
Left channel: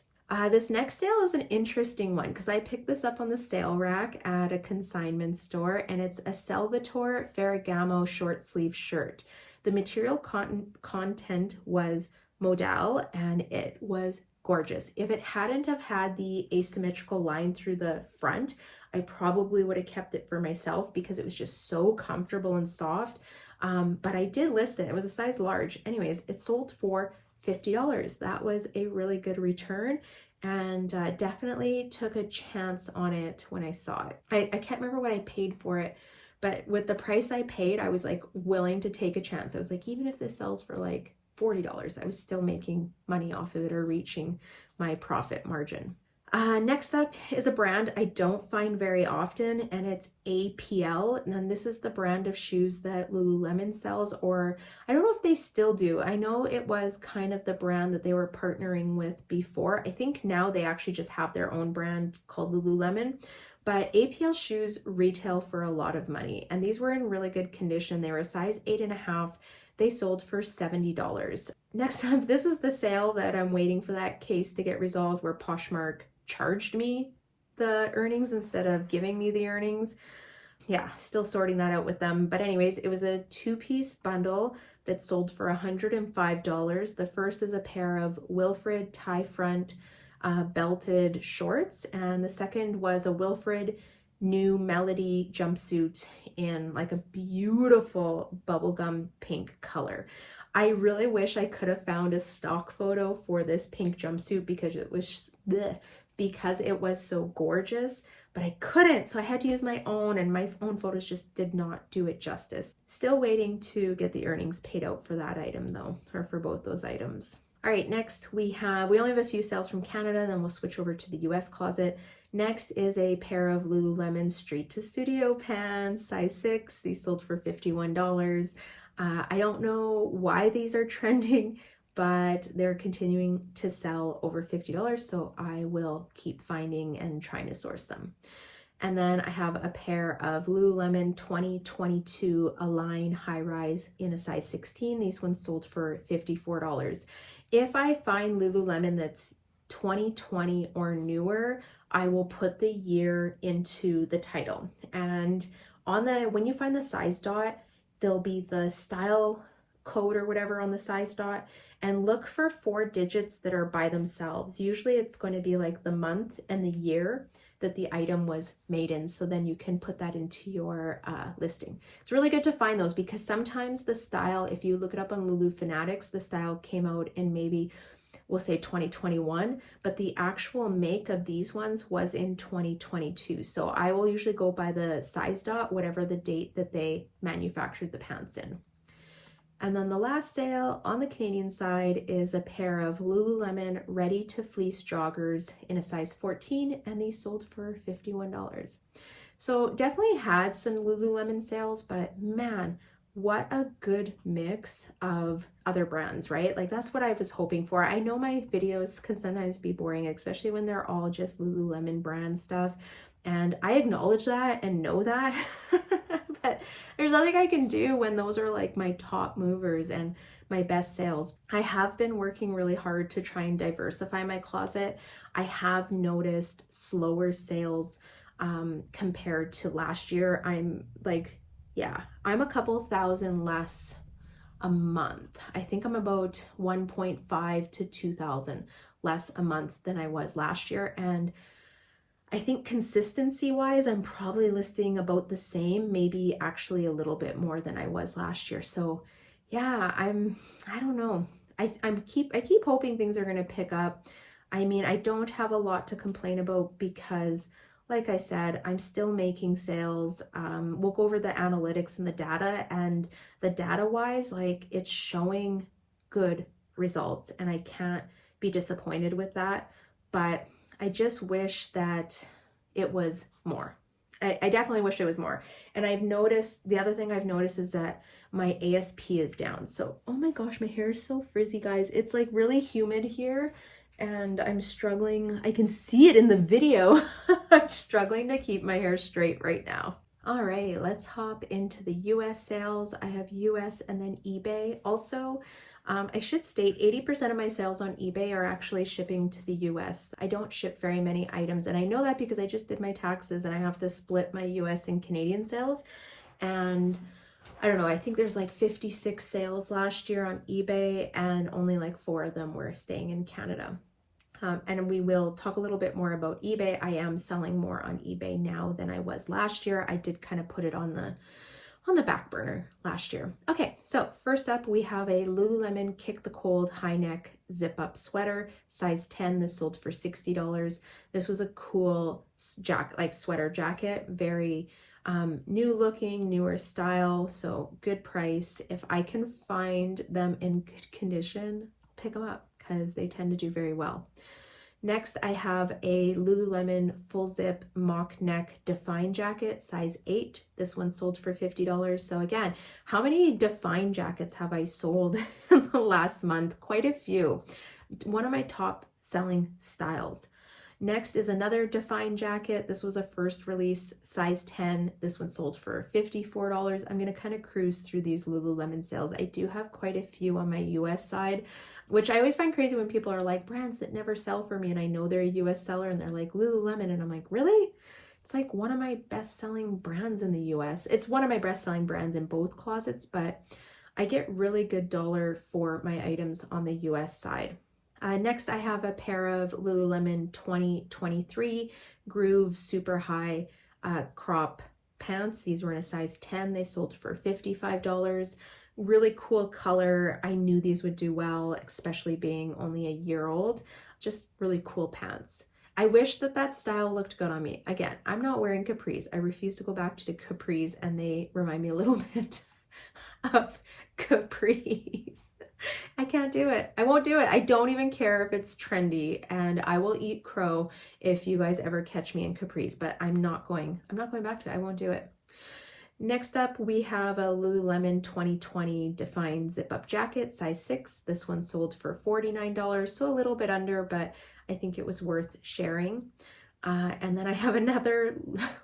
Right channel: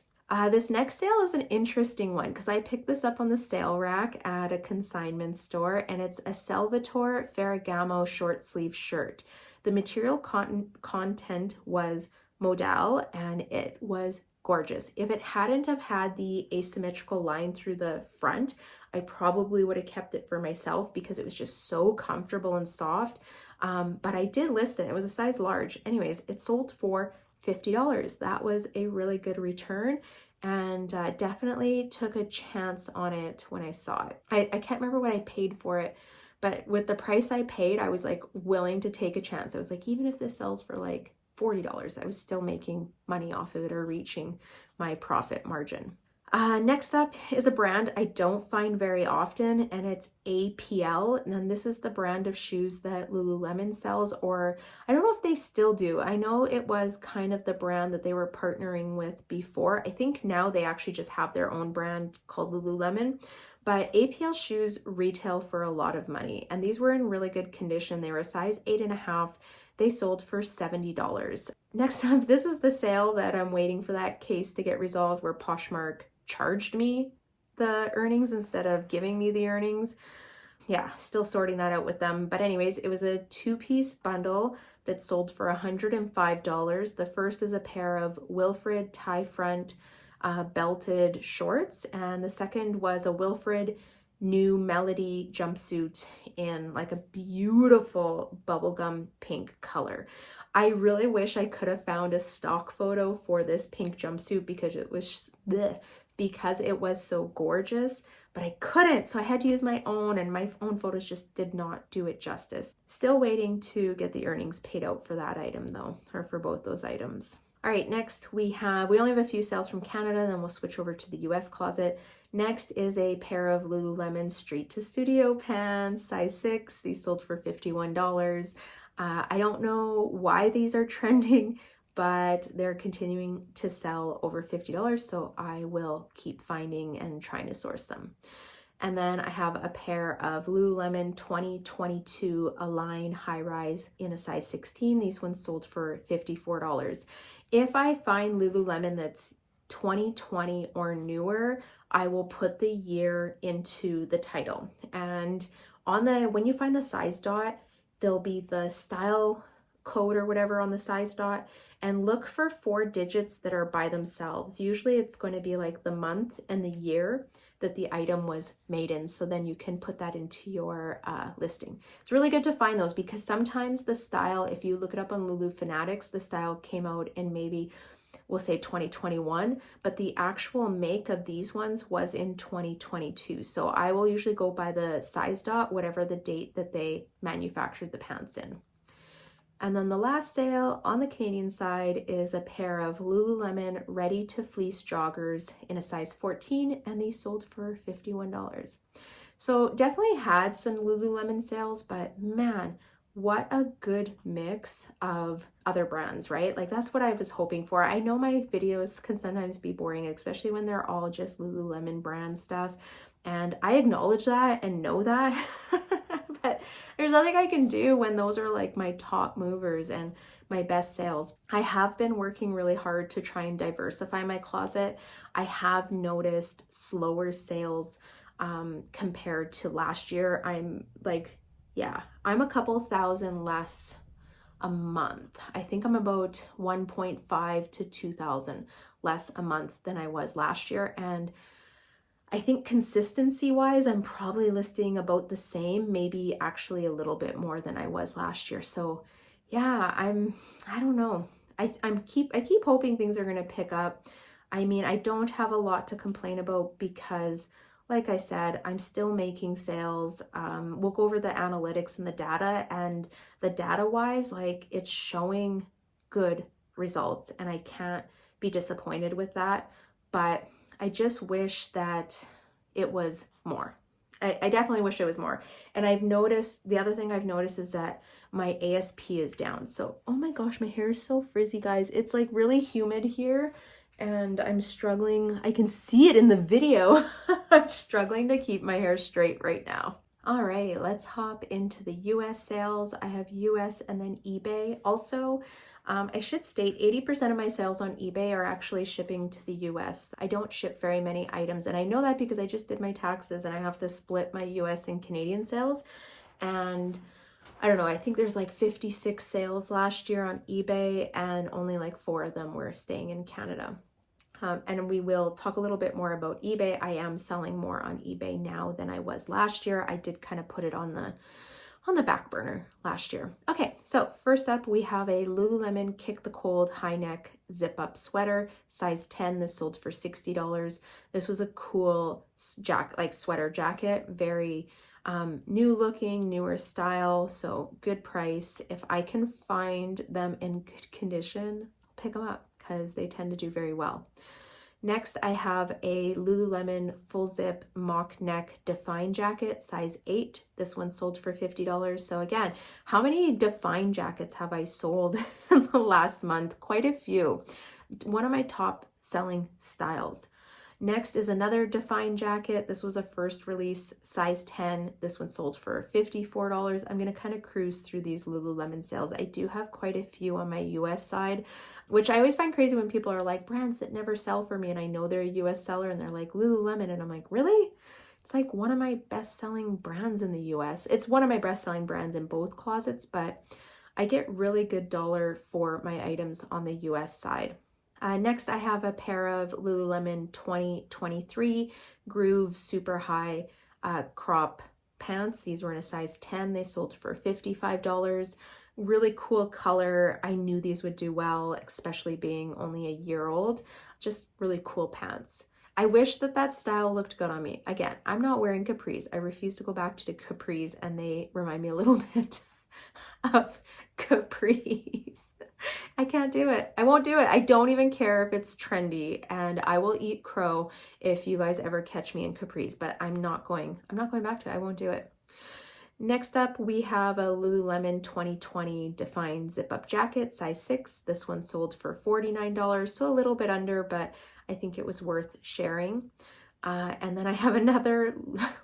This next sale is an interesting one because I picked this up on the sale rack at a consignment store, and it's a Salvatore Ferragamo short sleeve shirt. The material content was modal and it was gorgeous. If it hadn't have had the asymmetrical line through the front, I probably would have kept it for myself because it was just so comfortable and soft. But I did list it. It was a size large. Anyways, it sold for $50. That was a really good return, and definitely took a chance on it when I saw it. I can't remember what I paid for it, but with the price I paid, I was like willing to take a chance. I was like, even if this sells for like $40, I was still making money off of it or reaching my profit margin. Next up is a brand I don't find very often, and it's APL. And then this is the brand of shoes that Lululemon sells, or I don't know if they still do. I know it was kind of the brand that they were partnering with before. I think now they actually just have their own brand called Lululemon. But APL shoes retail for a lot of money, and these were in really good condition. They were a size 8.5. They sold for $70. Next up, this is the sale that I'm waiting for that case to get resolved where Poshmark charged me the earnings instead of giving me the earnings. yeah, still sorting that out with them. But anyways, it was a 2-piece bundle that sold for $105. The first is a pair of Wilfred tie front belted shorts, and the second was a Wilfred New Melody jumpsuit in like a beautiful bubblegum pink color. I really wish I could have found a stock photo for this pink jumpsuit because it was so gorgeous, but I couldn't, so I had to use my own, and my own photos just did not do it justice. Still waiting to get the earnings paid out for that item though, or for both those items. All right, next we only have a few sales from Canada, then we'll switch over to the US closet. Next is a pair of Lululemon Street to Studio pants, size 6. These sold for $51. I don't know why these are trending, but they're continuing to sell over $50, so I will keep finding and trying to source them. And then I have a pair of Lululemon 2022 Align High Rise in a size 16. These ones sold for $54. If I find Lululemon that's 2020 or newer, I will put the year into the title. And when you find the size dot, there'll be the style code or whatever on the size dot, and look for 4 digits that are by themselves. Usually it's going to be like the month and the year that the item was made in, so then you can put that into your listing. It's really good to find those because sometimes the style, if you look it up on Lulu Fanatics, the style came out in maybe, we'll say 2021, but the actual make of these ones was in 2022. So I will usually go by the size dot, whatever the date that they manufactured the pants in. And then the last sale on the Canadian side is a pair of Lululemon Ready to Fleece joggers in a size 14, and these sold for $51. So definitely had some Lululemon sales, but man, what a good mix of other brands, right? Like that's what I was hoping for. I know my videos can sometimes be boring, especially when they're all just Lululemon brand stuff. And I acknowledge that and know that, but there's nothing I can do when those are like my top movers and my best sales. I have been working really hard to try and diversify my closet. I have noticed slower sales compared to last year. I'm a couple thousand less a month. I think I'm about 1.5 to 2,000 less a month than I was last year. And I think consistency wise, I'm probably listing about the same, maybe actually a little bit more than I was last year. So yeah, I don't know. I keep hoping things are going to pick up. I mean, I don't have a lot to complain about because like I said, I'm still making sales. We'll go over the analytics and the data, and the data wise, like it's showing good results and I can't be disappointed with that. But I just wish that it was more. I definitely wish it was more. And the other thing I've noticed is that my ASP is down. So, oh my gosh, my hair is so frizzy, guys. It's like really humid here and I'm struggling. I can see it in the video. I'm struggling to keep my hair straight right now. All right, let's hop into the US sales. I have US and then eBay. Also, I should state 80% of my sales on eBay are actually shipping to the US. I don't ship very many items, and I know that because I just did my taxes and I have to split my US and Canadian sales. And I don't know, I think there's like 56 sales last year on eBay and only like 4 of them were staying in Canada. And we will talk a little bit more about eBay. I am selling more on eBay now than I was last year. I did kind of put it on the back burner last year. Okay, so first up we have a Lululemon Kick the Cold high neck zip up sweater, size 10. This sold for $60. This was a cool sweater jacket, very new looking, newer style, so good price. If I can find them in good condition, pick them up because they tend to do very well. Next, I have a Lululemon full zip mock neck Define jacket, size 8. This one sold for $50. So again, how many Define jackets have I sold in the last month? Quite a few. One of my top selling styles. Next is another Define jacket. This was a first release, size 10. This one sold for $54. I'm going to kind of cruise through these Lululemon sales. I do have quite a few on my US side, which I always find crazy when people are like, brands that never sell for me, and I know they're a US seller and they're like Lululemon, and I'm like, really? It's like one of my best-selling brands in the US. It's one of my best-selling brands in both closets, but I get really good dollar for my items on the US side. Next, I have a pair of Lululemon 2023 Groove Super High crop pants. These were in a size 10. They sold for $55. Really cool color. I knew these would do well, especially being only a year old. Just really cool pants. I wish that that style looked good on me. Again, I'm not wearing capris. I refuse to go back to the capris, and they remind me a little bit of capris. I can't do it. I won't do it. I don't even care if it's trendy, and I will eat crow if you guys ever catch me in capris, but I'm not going back to it. I won't do it. Next up, we have a Lululemon 2020 Define zip-up jacket, size 6. This one sold for $49, so a little bit under, but I think it was worth sharing. And then I have another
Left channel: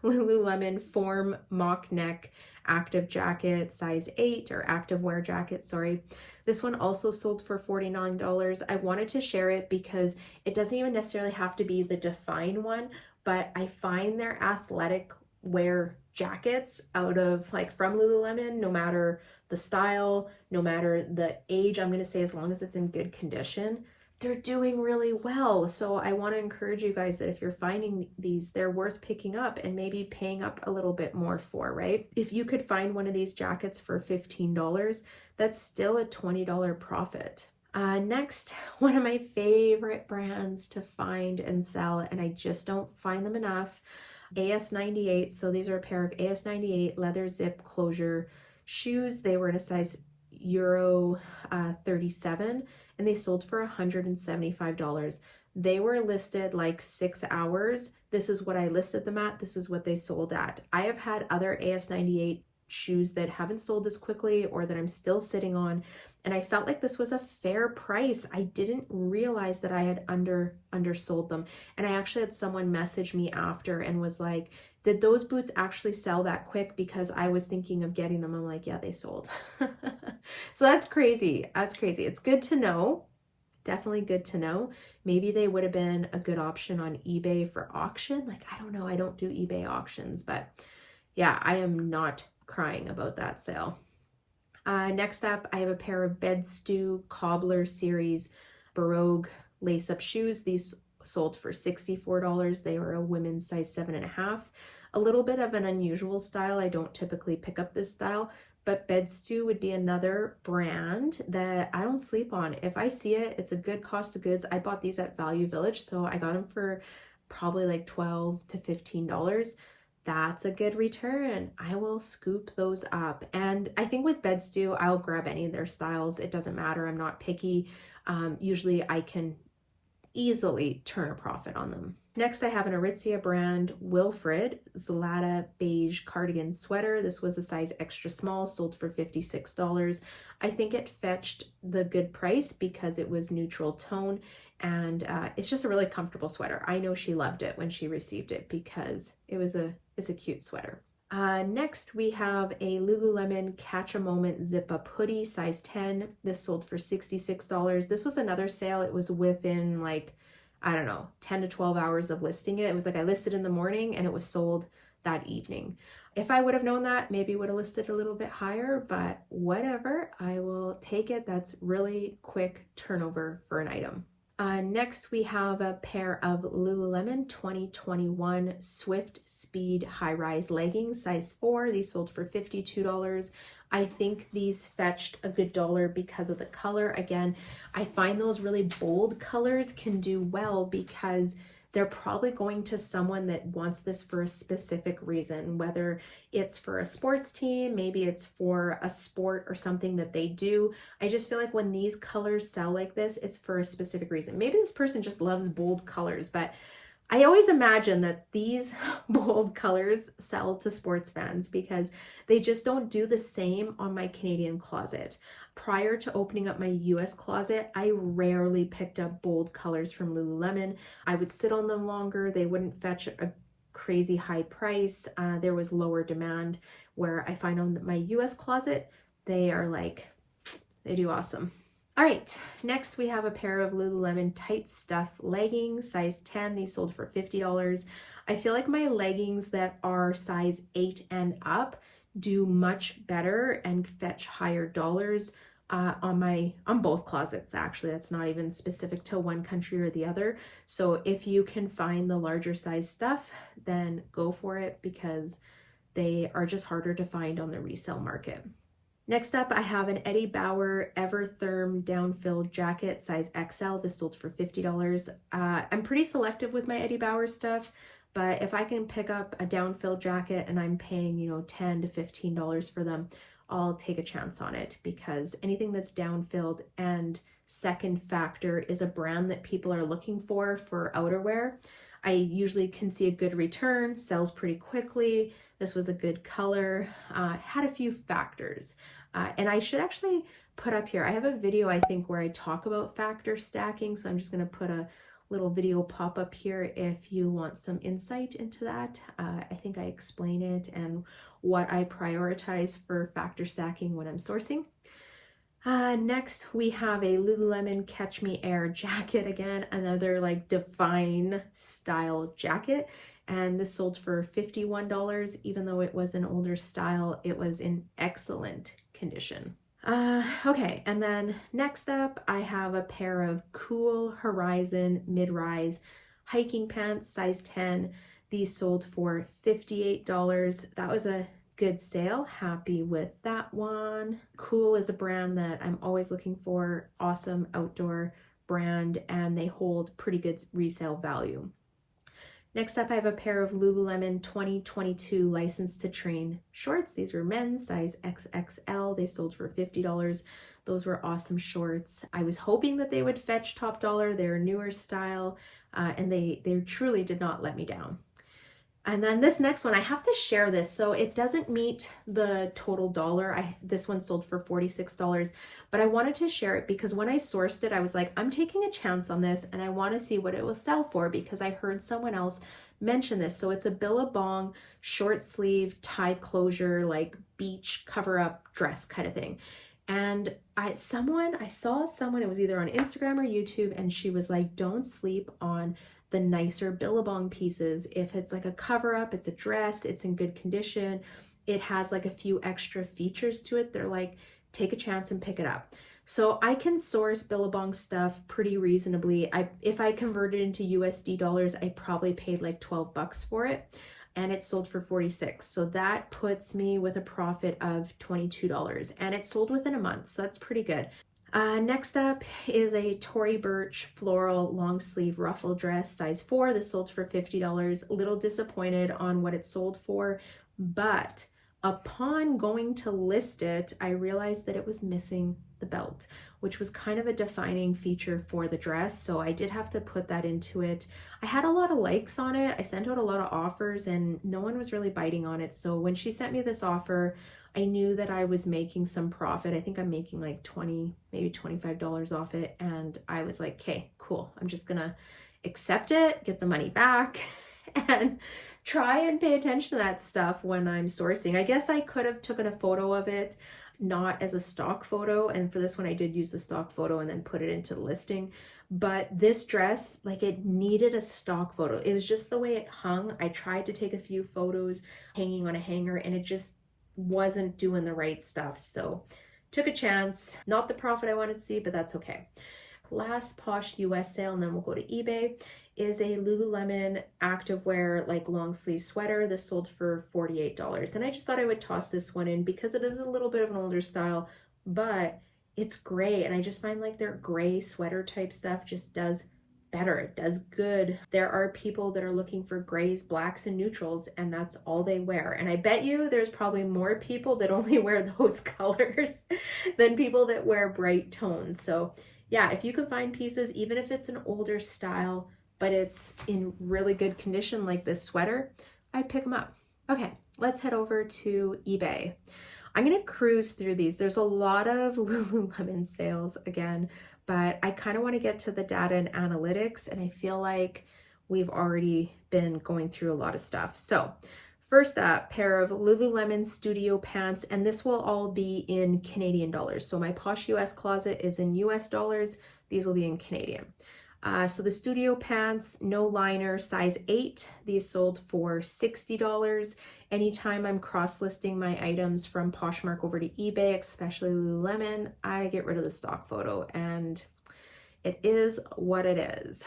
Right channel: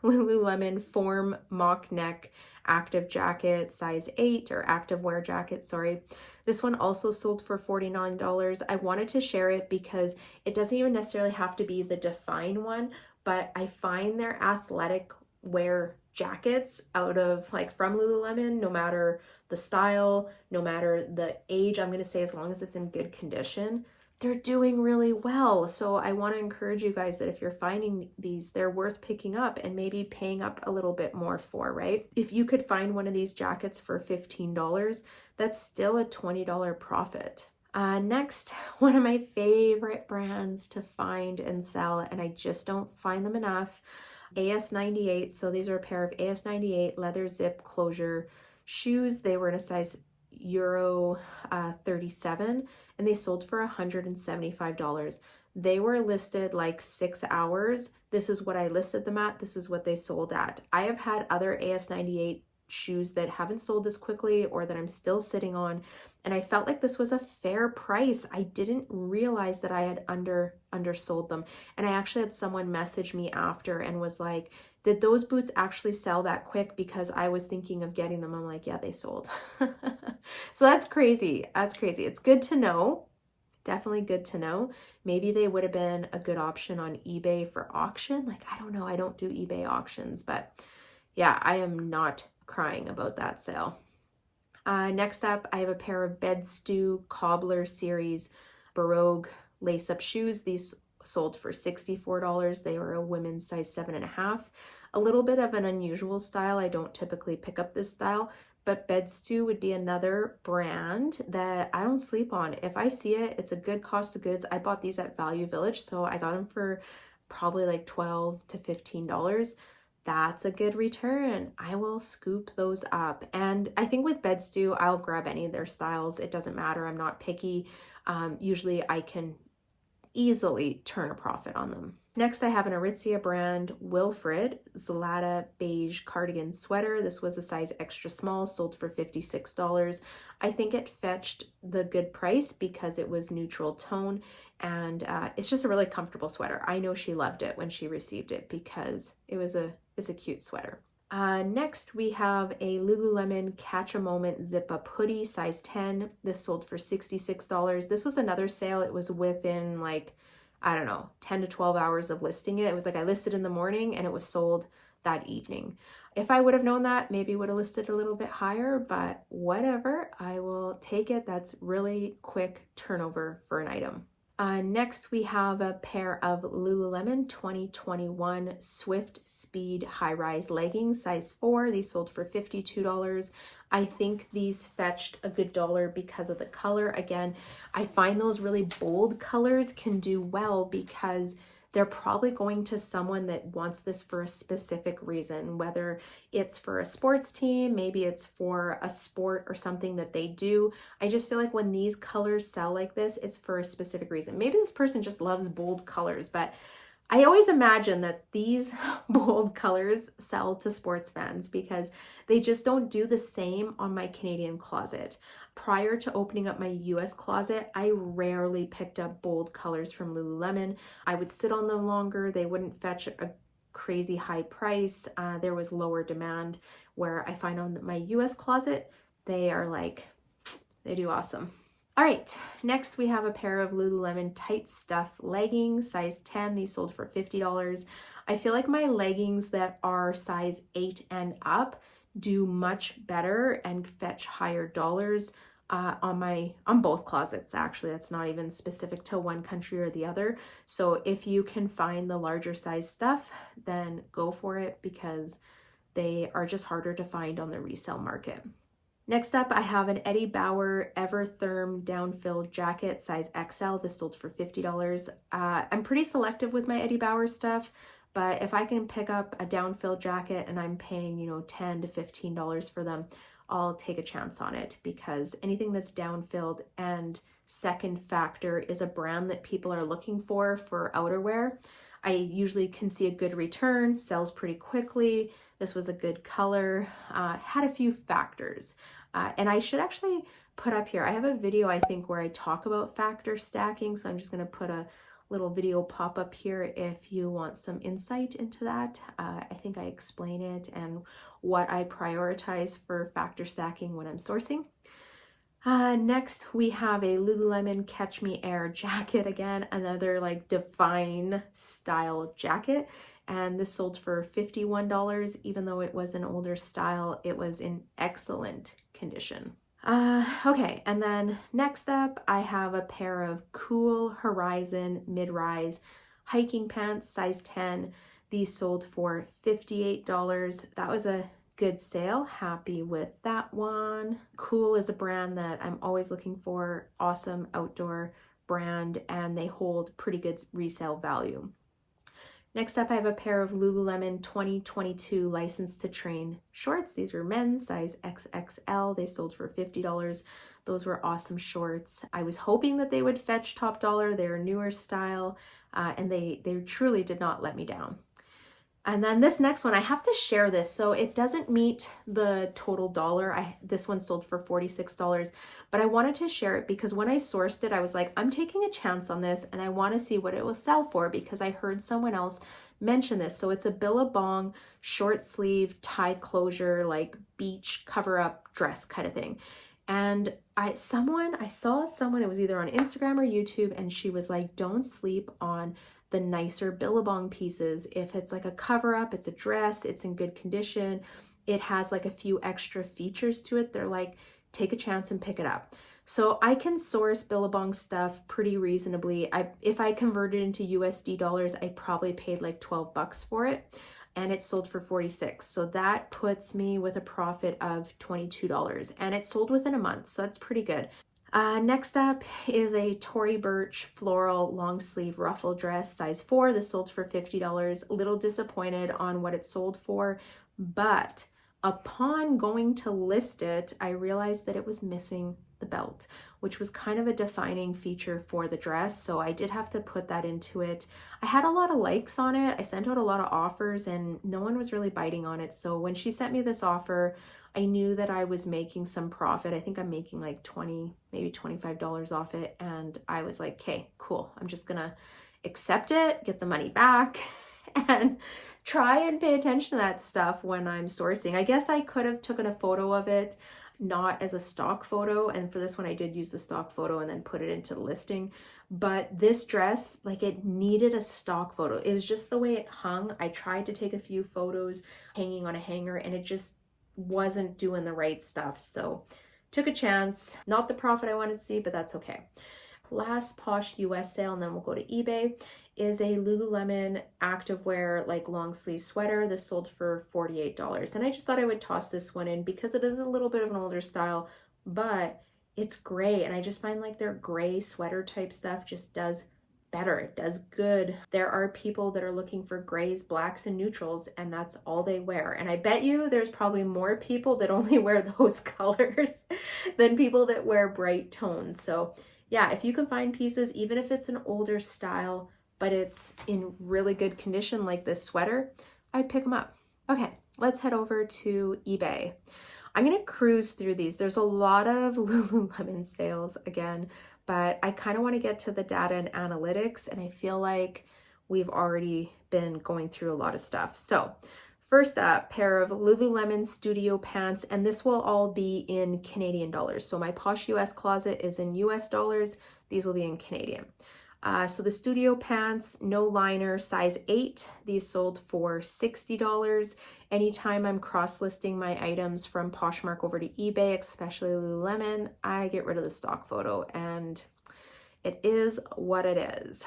Lululemon Form mock neck active jacket, size 8, or active wear jacket, sorry. This one also sold for $49. I wanted to share it because it doesn't even necessarily have to be the Define one, but I find their athletic wear jackets out of like from Lululemon, no matter the style, no matter the age, I'm going to say as long as it's in good condition, they're doing really well. So I want to encourage you guys that if you're finding these, they're worth picking up and maybe paying up a little bit more for, right? If you could find one of these jackets for $15, that's still a $20 profit. Next, one of my favorite brands to find and sell, and I just don't find them enough, AS98. So these are a pair of AS98 leather zip closure shoes. They were in a size Euro 37, and they sold for $175. They were listed like 6 hours. This is what I listed them at. This is what they sold at. I have had other AS98 shoes that haven't sold this quickly or that I'm still sitting on, and I felt like this was a fair price. I didn't realize that I had undersold them, and I actually had someone message me after and was like, did those boots actually sell that quick? Because I was thinking of getting them. I'm like, yeah, they sold. So that's crazy. That's crazy. It's good to know. Definitely good to know. Maybe they would have been a good option on eBay for auction. Like, I don't know. I don't do eBay auctions, but yeah, I am not crying about that sale. Next up, I have a pair of Bed Stew Cobbler Series Baroque lace-up shoes. These sold for $64. They were a women's size 7.5. A little bit of an unusual style. I don't typically pick up this style, but Bed Stew would be another brand that I don't sleep on. If I see it, it's a good cost of goods. I bought these at Value Village, so I got them for probably like $12 to $15. That's a good return. I will scoop those up. And I think with Bed Stew, I'll grab any of their styles. It doesn't matter. I'm not picky. Usually I can easily turn a profit on them. Next, I have an Aritzia brand Wilfred Zlata beige cardigan sweater. This was a size extra small, sold for $56. I think it fetched the good price because it was neutral tone, and it's just a really comfortable sweater. I know she loved it when she received it because it's a cute sweater. Next, we have a Lululemon Catch a Moment zip-up hoodie, size 10. This sold for $66. This was another sale. It was within like, I don't know, 10 to 12 hours of listing it. It was like I listed in the morning and it was sold that evening. If I would have known that, maybe would have listed a little bit higher, but whatever, I will take it. That's really quick turnover for an item. Next, we have a pair of Lululemon 2021 Swift Speed high-rise leggings, size 4. These sold for $52. I think these fetched a good dollar because of the color. Again, I find those really bold colors can do well because they're probably going to someone that wants this for a specific reason, whether it's for a sports team, maybe it's for a sport or something that they do. I just feel like when these colors sell like this, it's for a specific reason. Maybe this person just loves bold colors, but I always imagine that these bold colors sell to sports fans because they just don't do the same on my Canadian closet. Prior to opening up my US closet, I rarely picked up bold colors from Lululemon. I would sit on them longer. They wouldn't fetch a crazy high price. There was lower demand, where I find on my US closet, they are like, they do awesome. All right, next we have a pair of Lululemon tight stuff leggings, size 10. These sold for $50. I feel like my leggings that are size 8 and up do much better and fetch higher dollars on both closets. Actually, that's not even specific to one country or the other. So if you can find the larger size stuff, then go for it, because they are just harder to find on the resale market. Next up, I have an Eddie Bauer Evertherm down-filled jacket, size XL. This sold for $50. I'm pretty selective with my Eddie Bauer stuff, but if I can pick up a down-filled jacket and I'm paying, $10 to $15 for them, I'll take a chance on it, because anything that's down-filled and Second Factor is a brand that people are looking for outerwear. I usually can see a good return, sells pretty quickly. This was a good color, had a few factors. And I should actually put up here, I have a video, I think, where I talk about factor stacking. So I'm just going to put a little video pop up here if you want some insight into that. I think I explain it and what I prioritize for factor stacking when I'm sourcing. Next, we have a Lululemon Catch Me Air jacket. Again, another like Define style jacket. And this sold for $51. Even though it was an older style, it was in excellent condition. Okay, and then next up, I have a pair of Cool Horizon mid-rise hiking pants, size 10. These sold for $58. That was a good sale. Happy with that one. Cool is a brand that I'm always looking for. Awesome outdoor brand, and they hold pretty good resale value. Next up, I have a pair of Lululemon 2022 License to Train shorts. These were men's, size XXL. They sold for $50. Those were awesome shorts. I was hoping that they would fetch top dollar. They're a newer style, and they truly did not let me down. And then this next one, I have to share this. So it doesn't meet the total dollar. This one sold for $46, but I wanted to share it because when I sourced it, I was like, I'm taking a chance on this and I want to see what it will sell for, because I heard someone else mention this. So it's a Billabong short sleeve tie closure, like beach cover up dress kind of thing. And I saw someone, it was either on Instagram or YouTube, and she was like, don't sleep on the nicer Billabong pieces. If it's like a cover up, it's a dress, it's in good condition, it has like a few extra features to it, they're like, take a chance and pick it up. So I can source Billabong stuff pretty reasonably. If I converted into USD dollars, I probably paid like 12 bucks for it, and it sold for 46. So that puts me with a profit of $22, and it sold within a month. So that's pretty good. Next up is a Tory Burch floral long sleeve ruffle dress, size 4. This sold for $50. A little disappointed on what it sold for, but upon going to list it, I realized that it was missing the belt, which was kind of a defining feature for the dress. So I did have to put that into it. I had a lot of likes on it. I sent out a lot of offers and no one was really biting on it. So when she sent me this offer, I knew that I was making some profit. I think I'm making like $20, maybe $25 off it. And I was like, okay, cool. I'm just gonna accept it, get the money back, and try and pay attention to that stuff when I'm sourcing. I guess I could have taken a photo of it, not as a stock photo. And for this one, I did use the stock photo and then put it into the listing. But this dress, like, it needed a stock photo. It was just the way it hung. I tried to take a few photos hanging on a hanger and it just wasn't doing the right stuff. So took a chance. Not the profit I wanted to see, but that's okay. Last Posh US sale, and then we'll go to eBay, is a Lululemon activewear like long sleeve sweater. This sold for $48. And I just thought I would toss this one in because it is a little bit of an older style, but it's gray. And I just find like their gray sweater type stuff just does better. It does good. There are people that are looking for grays, blacks, and neutrals, and that's all they wear. And I bet you there's probably more people that only wear those colors than people that wear bright tones. So yeah, if you can find pieces, even if it's an older style, but it's in really good condition like this sweater, I'd pick them up. Okay, let's head over to eBay. I'm gonna cruise through these. There's a lot of Lululemon sales again, but I kind of want to get to the data and analytics, and I feel like we've already been going through a lot of stuff. So first up, pair of Lululemon Studio pants, and this will all be in Canadian dollars. So my Posh US closet is in US dollars. These will be in Canadian. So the studio pants, no liner, size 8. These sold for $60. Anytime I'm cross-listing my items from Poshmark over to eBay, especially Lululemon, I get rid of the stock photo, and it is what it is.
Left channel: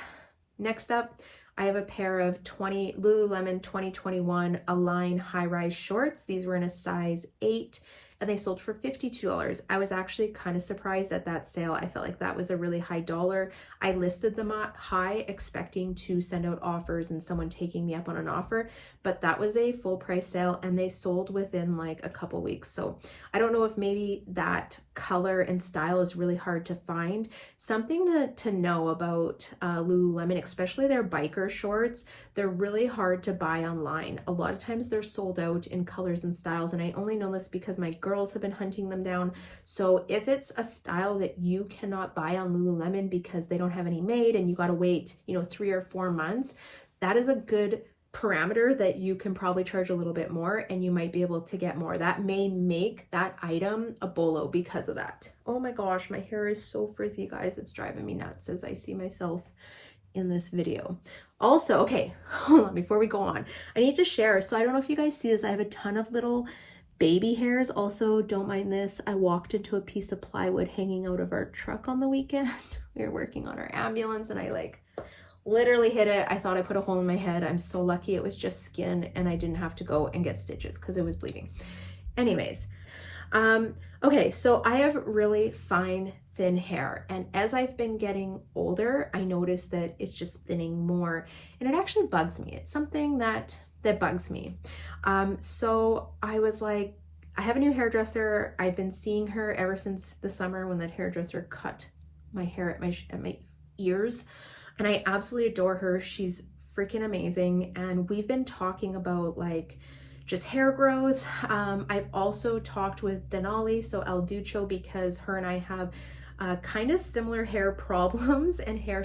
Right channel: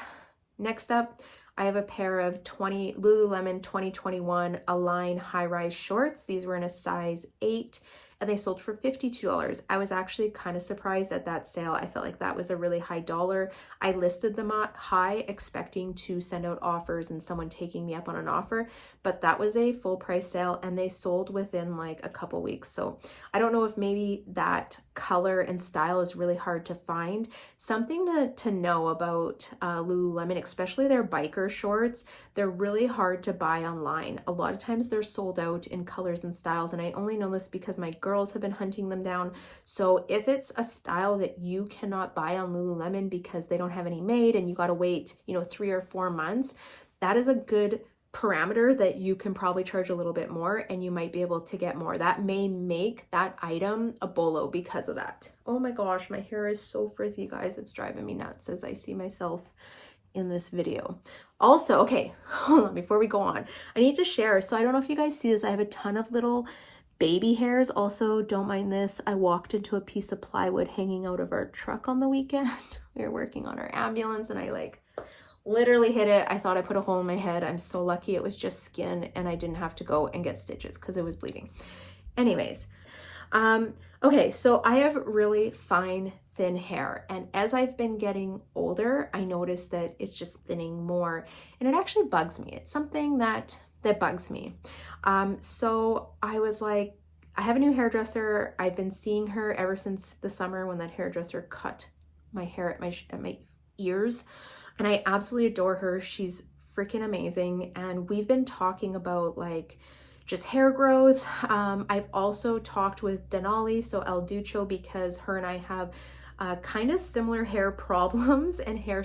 Next up, I have a pair of Lululemon 2021 Align high-rise shorts. These were in a size 8. And they sold for $52. I was actually kind of surprised at that sale. I felt like that was a really high dollar. I listed them at high, expecting to send out offers and someone taking me up on an offer, but that was a full price sale and they sold within like a couple weeks. So I don't know if maybe that color and style is really hard to find. Something to know about Lululemon, especially their biker shorts, they're really hard to buy online. A lot of times they're sold out in colors and styles, and I only know this because my girls have been hunting them down. So if it's a style that you cannot buy on Lululemon because they don't have any made and you got to wait, 3 or 4 months, that is a good parameter that you can probably charge a little bit more and you might be able to get more. That may make that item a bolo because of that. Oh my gosh, my hair is so frizzy, guys. It's driving me nuts as I see myself in this video. Also, okay, hold on, before we go on, I need to share. So I don't know if you guys see this. I have a ton of little baby hairs. Also, don't mind this. I walked into a piece of plywood hanging out of our truck on the weekend. We were working on our ambulance and I literally hit it. I thought I put a hole in my head. I'm so lucky it was just skin and I didn't have to go and get stitches because it was bleeding. Anyways, okay, so I have really fine, thin hair, and as I've been getting older, I noticed that it's just thinning more, and it actually bugs me. It's something that bugs me. So I was like, I have a new hairdresser. I've been seeing her ever since the summer when that hairdresser cut my hair at my ears, and I absolutely adore her. She's freaking amazing, and we've been talking about like just hair growth. I've also talked with Denali, so El Ducho, because her and I have kind of similar hair problems and hair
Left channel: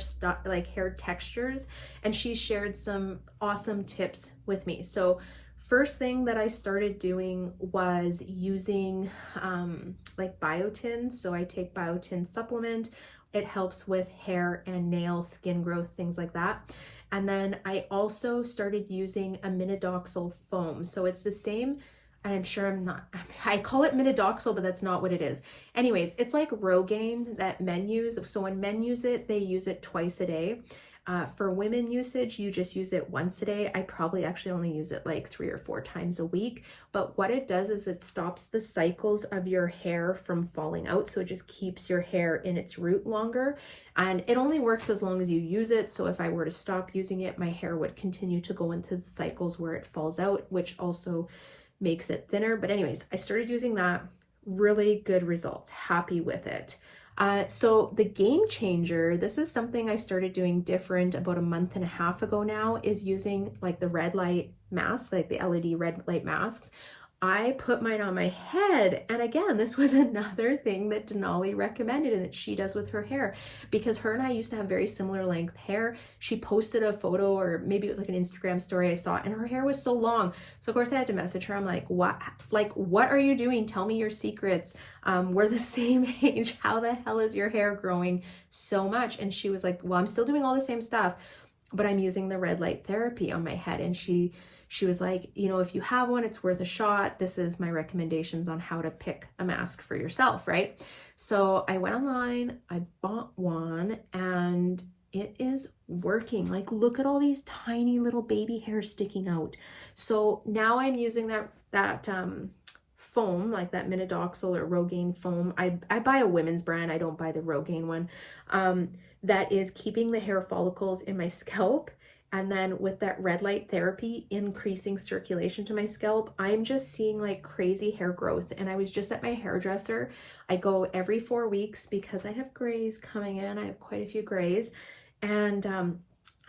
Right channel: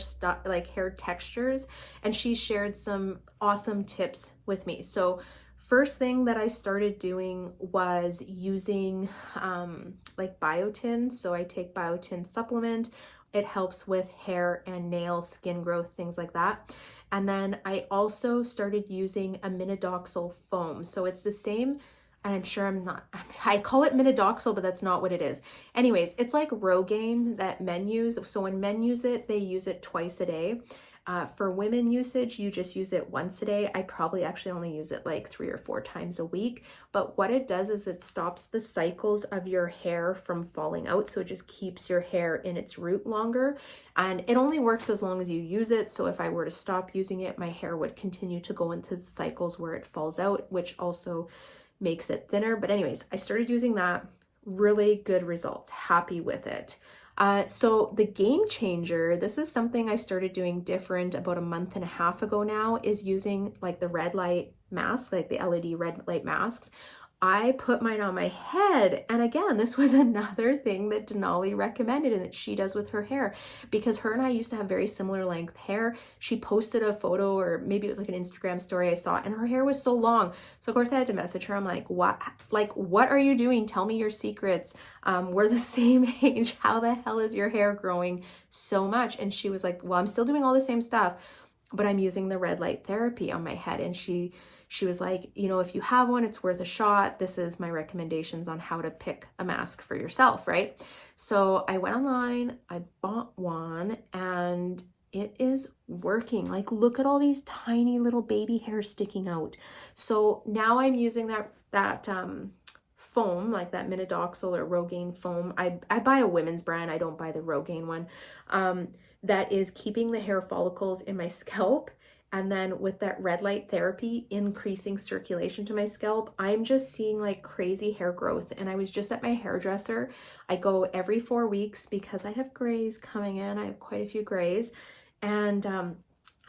textures, and she shared some awesome tips with me. So first thing that I started doing was using like biotin. So I take biotin supplement. It helps with hair and nail, skin growth, things like that. And then I also started using a minoxidil foam. So it's the same, and I'm sure I call it minoxidil, but that's not what it is. Anyways, it's like Rogaine that men use. So when men use it, they use it twice a day. For women usage, you just use it once a day. I probably actually only use it like 3 or 4 times a week. But what it does is it stops the cycles of your hair from falling out. So it just keeps your hair in its root longer. And it only works as long as you use it. So if I were to stop using it, my hair would continue to go into the cycles where it falls out, which also makes it thinner. But anyways, I started using that. Really good results. Happy with it. So the game changer, this is something I started doing different about a month and a half ago now, is using like the red light mask, like the LED red light masks. I put mine on my head, and again, this was another thing that Denali recommended and that she does with her hair, because her and I used to have very similar length hair. She posted a photo, or maybe it was like an Instagram story I saw, and her hair was so long. So of course I had to message her. I'm like, what are you doing? Tell me your secrets. We're the same age. How the hell is your hair growing so much? And she was like, well, I'm still doing all the same stuff, but I'm using the red light therapy on my head. And she was like, if you have one, it's worth a shot. This is my recommendations on how to pick a mask for yourself, right? So I went online, I bought one, and it is working. Like, look at all these tiny little baby hairs sticking out. So now I'm using that foam, like that minoxidil or Rogaine foam. I buy a women's brand. I don't buy the Rogaine one. That is keeping the hair follicles in my scalp. And then with that red light therapy, increasing circulation to my scalp, I'm just seeing like crazy hair growth. And I was just at my hairdresser. I go every 4 weeks because I have grays coming in. I have quite a few grays. And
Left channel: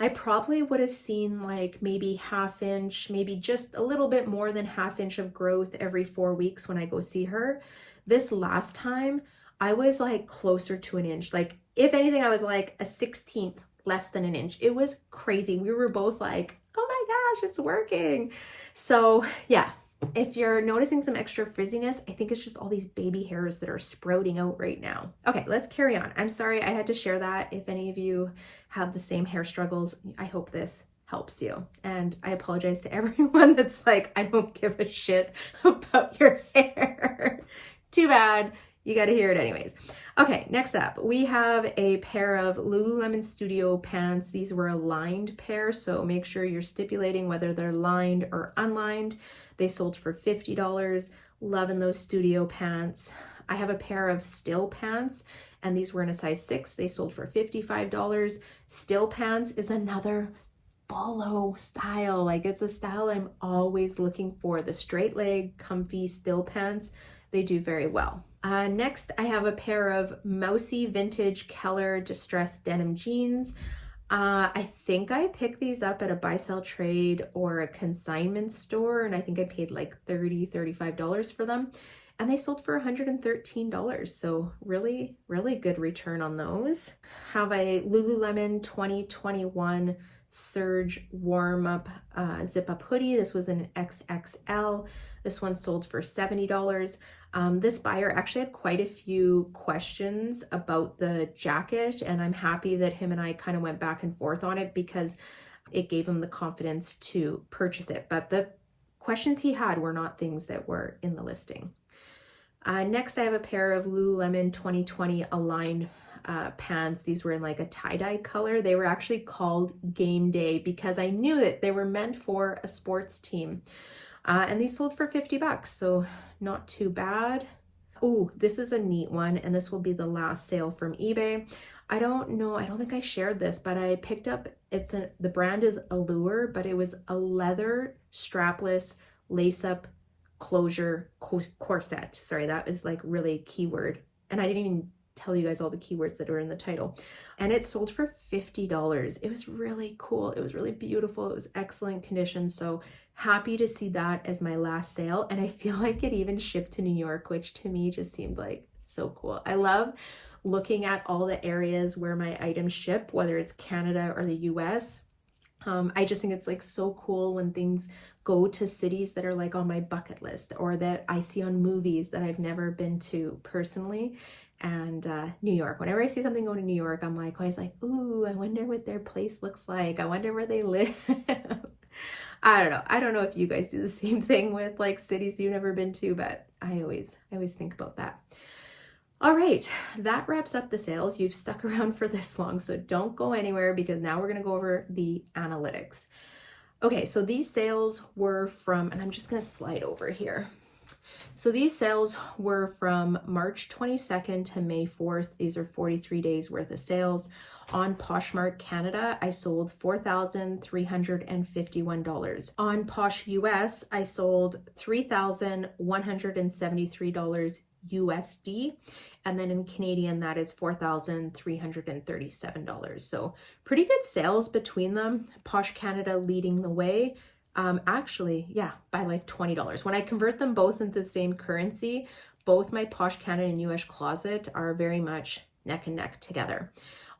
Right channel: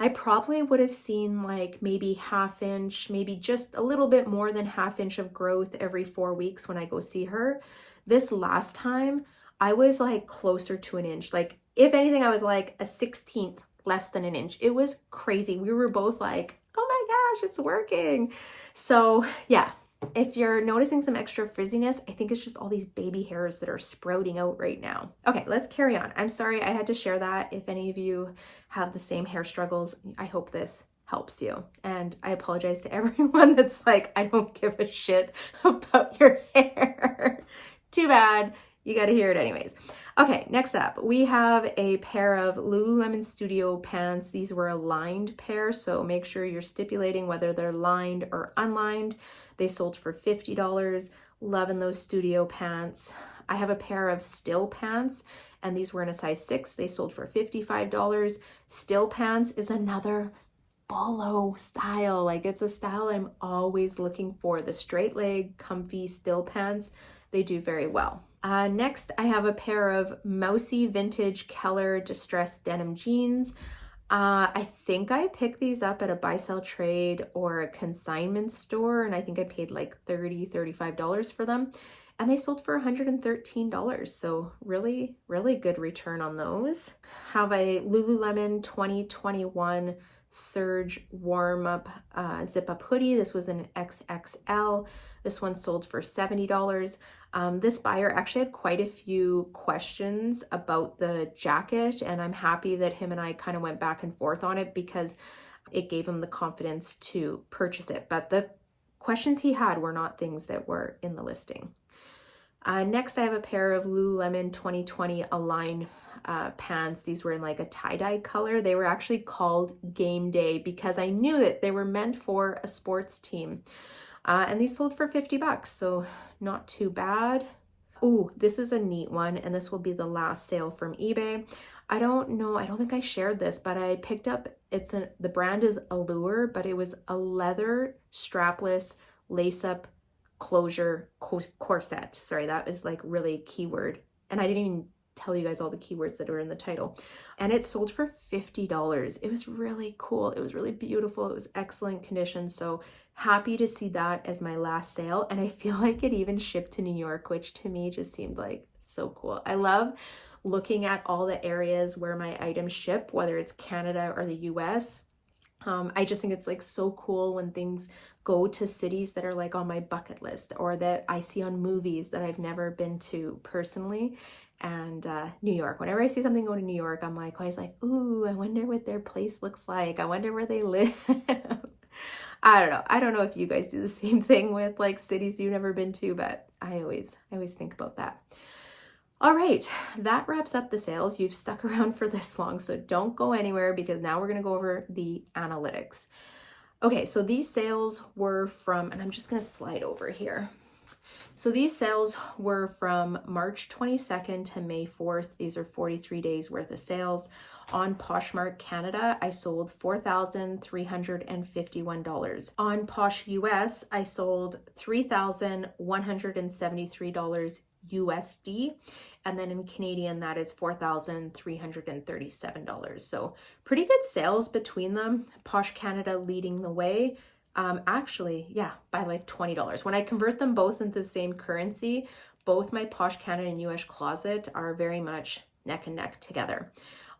I probably would have seen like maybe 1/2 inch, maybe just a little bit more than 1/2 inch of growth every 4 weeks when I go see her. This last time, I was like closer to 1 inch. Like, if anything, I was like a 1/16 less than 1 inch. It was crazy. We were both like, oh my gosh, it's working. So yeah, If you're noticing some extra frizziness, I think it's just all these baby hairs that are sprouting out right now. Okay, let's carry on. I'm sorry I had to share that. If any of you have the same hair struggles, I hope this helps you. And I apologize to everyone that's like, I don't give a shit about your hair. Too bad. You got to hear it anyways. Okay, next up, we have a pair of Lululemon Studio pants. These were a lined pair, so make sure you're stipulating whether they're lined or unlined. They sold for $50. Loving those studio pants. I have a pair of still pants, and these were in a size 6. They sold for $55. Still pants is another bolo style. Like, it's a style I'm always looking for. The straight leg, comfy still pants, they do very well. Next, I have a pair of mousy vintage Keller distressed denim jeans. I think I picked these up at a buy sell trade or a consignment store, and I think I paid like $35 for them, and they sold for $113. So really, really good return on those. Have a Lululemon 2021 Surge warm up zip up hoodie. This was an XXL. This one sold for $70. This buyer actually had quite a few questions about the jacket, and I'm happy that him and I kind of went back and forth on it because it gave him the confidence to purchase it. But the questions he had were not things that were in the listing. Next, I have a pair of Lululemon 2020 Align pants. These were in like a tie-dye color. They were actually called Game Day because I knew that they were meant for a sports team. And these sold for $50, so not too bad. Oh, this is a neat one, and this will be the last sale from eBay. I don't know, I don't think I shared this, but I picked up, the brand is Allure, but it was a leather strapless lace-up closure corset. Sorry, that is like really keyword. And I didn't even tell you guys all the keywords that are in the title. And it sold for $50. It was really cool. It was really beautiful. It was excellent condition. So happy to see that as my last sale. And I feel like it even shipped to New York, which to me just seemed like so cool. I love looking at all the areas where my items ship, whether it's Canada or the US. I just think it's like so cool when things go to cities that are like on my bucket list or that I see on movies that I've never been to personally. And New York, whenever I see something going to New York, I'm like always like, ooh, I wonder what their place looks like. I wonder where they live. I don't know. I don't know if you guys do the same thing with like cities you've never been to, but I always think about that. All right, that wraps up the sales. You've stuck around for this long, so don't go anywhere because now we're gonna go over the analytics. Okay, so these sales were from, and I'm just gonna slide over here. So these sales were from March 22nd to May 4th. These are 43 days worth of sales. On Poshmark Canada, I sold $4,351. On Posh US, I sold $3,173 USD. And then in Canadian, that is $4,337. So pretty good sales between them. Posh Canada leading the way. Actually, yeah, by like $20. When I convert them both into the same currency, both my Posh Canada and US Closet are very much neck and neck together.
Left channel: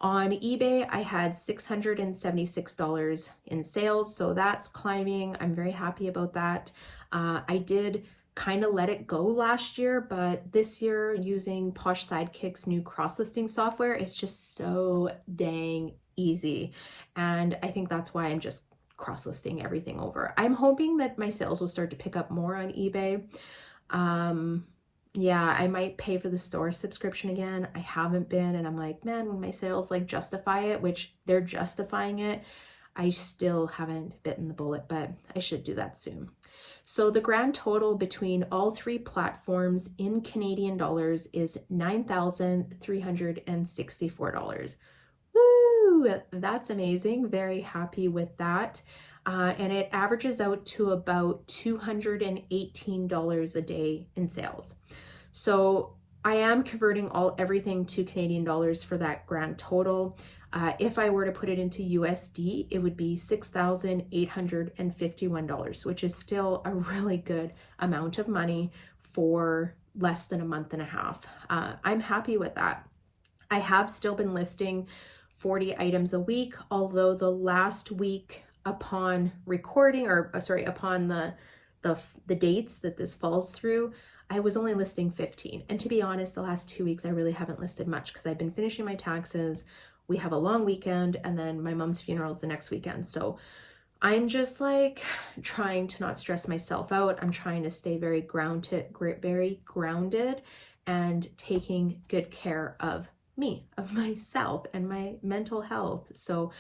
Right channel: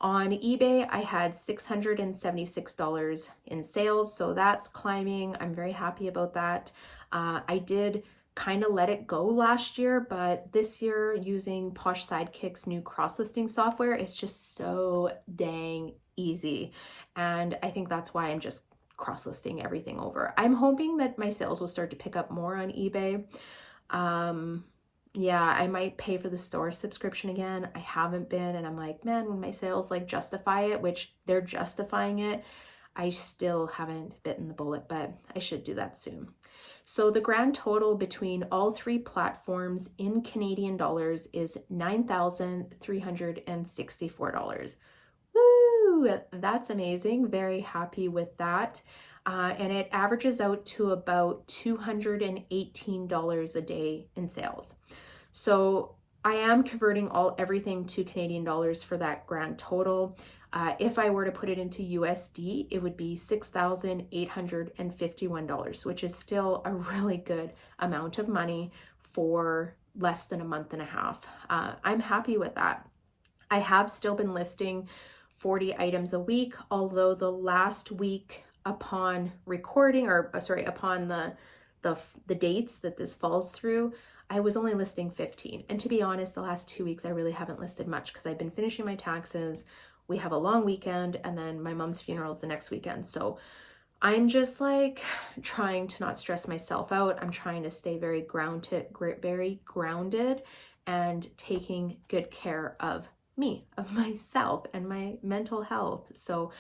On eBay, I had $676 in sales, so that's climbing. I'm very happy about that. I did kind of let it go last year, but this year using Posh SIDEKICK's new cross-listing software, it's just so dang easy. And I think that's why I'm just cross-listing everything over. I'm hoping that my sales will start to pick up more on eBay. Yeah, I might pay for the store subscription again. I haven't been, and I'm like, man, when my sales like justify it, which they're justifying it, I still haven't bitten the bullet, but I should do that soon. So the grand total between all three platforms in Canadian dollars is $9,364. Woo! That's amazing. Very happy with that. And it averages out to about $218 a day in sales. So I am converting everything to Canadian dollars for that grand total. If I were to put it into USD, it would be $6,851, which is still a really good amount of money for less than a month and a half. I'm happy with that. I have still been listing 40 items a week, although the last week upon recording, upon the the dates that this falls through, I was only listing 15. And to be honest, the last 2 weeks, I really haven't listed much because I've been finishing my taxes. We have a long weekend and then my mom's funeral is the next weekend. So I'm just like trying to not stress myself out. I'm trying to stay very grounded and taking good care of me, of myself and my mental health. So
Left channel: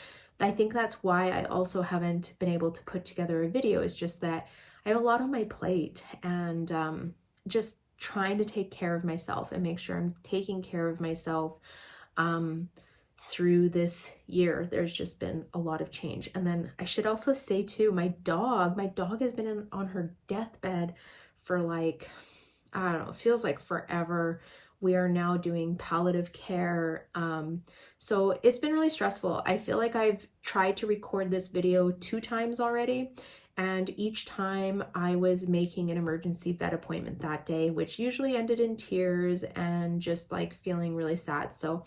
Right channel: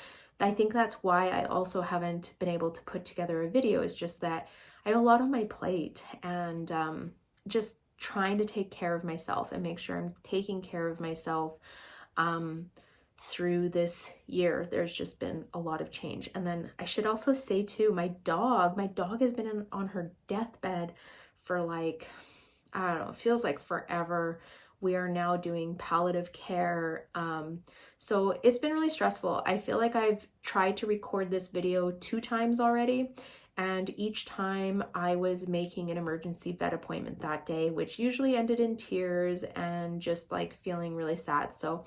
I think that's why I also haven't been able to put together a video, is just that I have a lot on my plate, and just trying to take care of myself and make sure I'm taking care of myself through this year. There's just been a lot of change. And then I should also say too, my dog has been on her deathbed for like, I don't know, it feels like forever. We are now doing palliative care. So it's been really stressful. I feel like I've tried to record this video 2 times already. And each time I was making an emergency vet appointment that day, which usually ended in tears and just like feeling really sad. So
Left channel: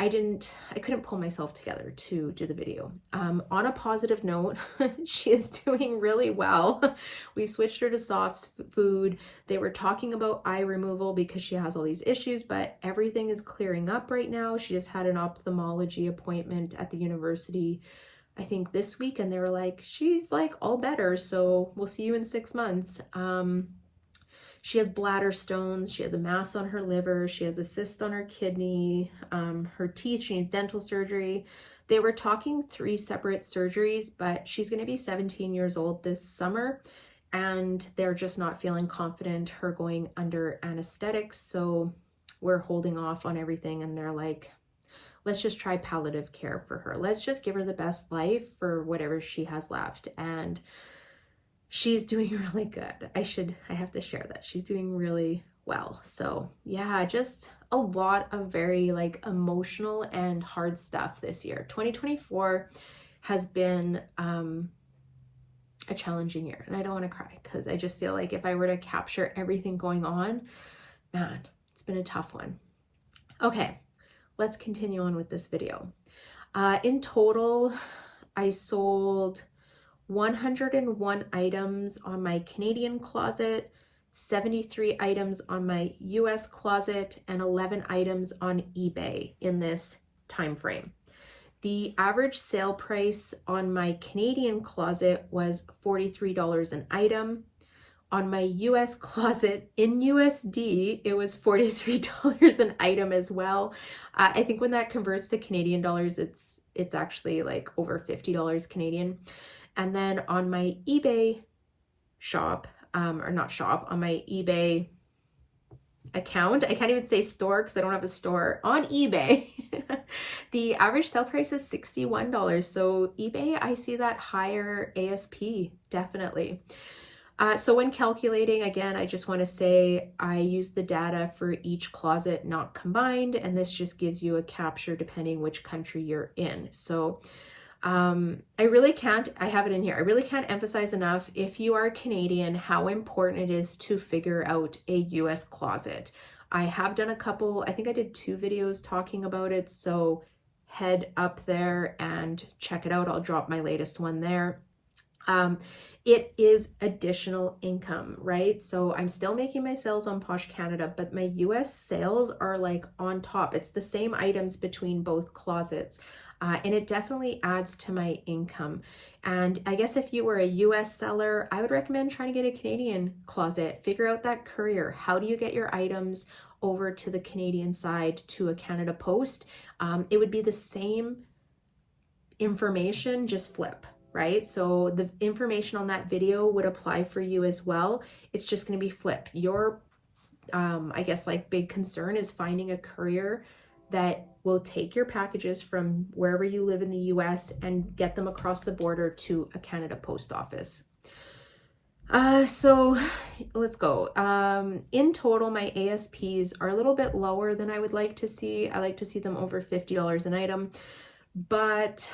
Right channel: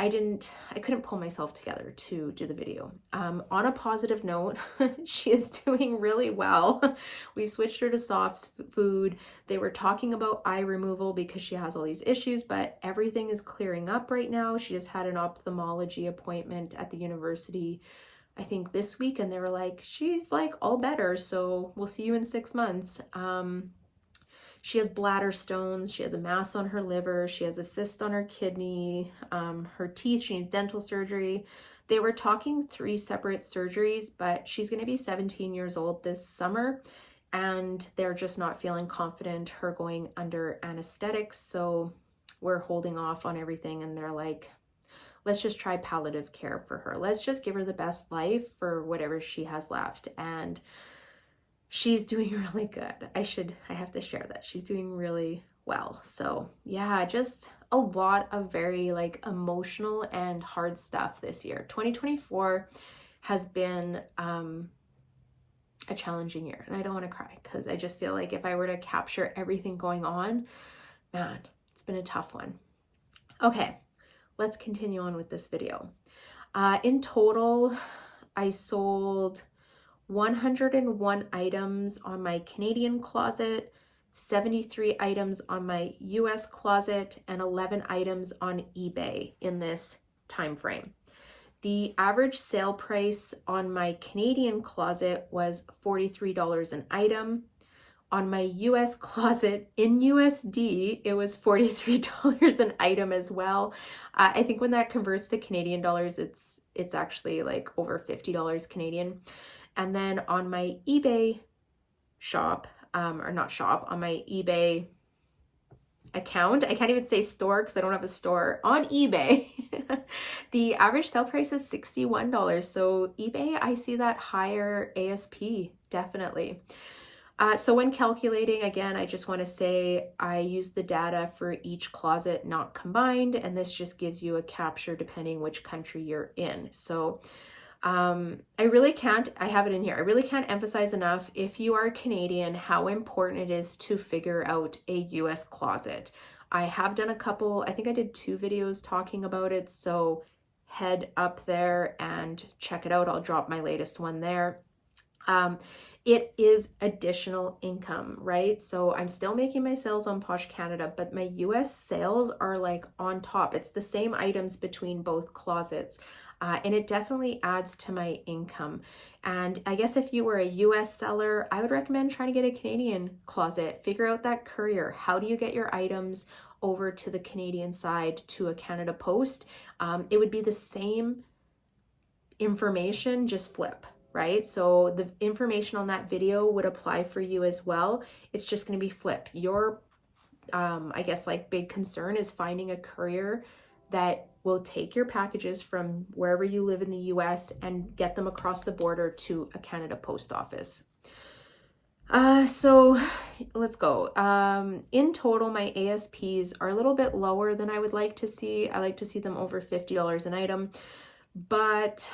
I couldn't pull myself together to do the video. On a positive note, she is doing really well. We switched her to soft food. They were talking about eye removal because she has all these issues, but everything is clearing up right now. She just had an ophthalmology appointment at the university, I think this week, and they were like, she's like all better. So we'll see you in 6 months. She has bladder stones, she has a mass on her liver, she has a cyst on her kidney, her teeth, she needs dental surgery. They were talking 3 separate surgeries, but she's going to be 17 years old this summer, and they're just not feeling confident her going under anesthetics. So we're holding off on everything, and they're like, let's just try palliative care for her. Let's just give her the best life for whatever she has left. And she's doing really good. I have to share that. She's doing really well. So yeah, just a lot of very like emotional and hard stuff this year. 2024 has been a challenging year, and I don't want to cry because I just feel like if I were to capture everything going on, man, it's been a tough one. Okay, let's continue on with this video. In total, I sold 101 items on my Canadian closet, 73 items on my US closet, and 11 items on eBay in this time frame. The average sale price on my Canadian closet was $43 an item. On my US closet in USD, it was $43 an item as well. I think when that converts to Canadian dollars, it's actually like over $50 Canadian. And then on my eBay shop, on my eBay account, I can't even say store because I don't have a store, on eBay, the average sale price is $61. So eBay, I see that higher ASP, definitely. So when calculating, again, I just want to say I use the data for each closet, not combined, and this just gives you a capture depending which country you're in. So I really can't emphasize enough, if you are Canadian, how important it is to figure out a US closet. I have done a couple, I think I did 2 videos talking about it, so head up there and check it out. I'll drop my latest one there. It is additional income, right? So I'm still making my sales on Posh Canada, but my US sales are like on top. It's the same items between both closets. And it definitely adds to my income. And I guess if you were a US seller, I would recommend trying to get a Canadian closet. Figure out that courier. How do you get your items over to the Canadian side to a Canada Post? It would be the same information, just flip, right? So the information on that video would apply for you as well. It's just going to be flip. Your, I guess like big concern is finding a courier that will take your packages from wherever you live in the US and get them across the border to a Canada Post office. So let's go. In total, my ASPs are a little bit lower than I would like to see. I like to see them over $50 an item, but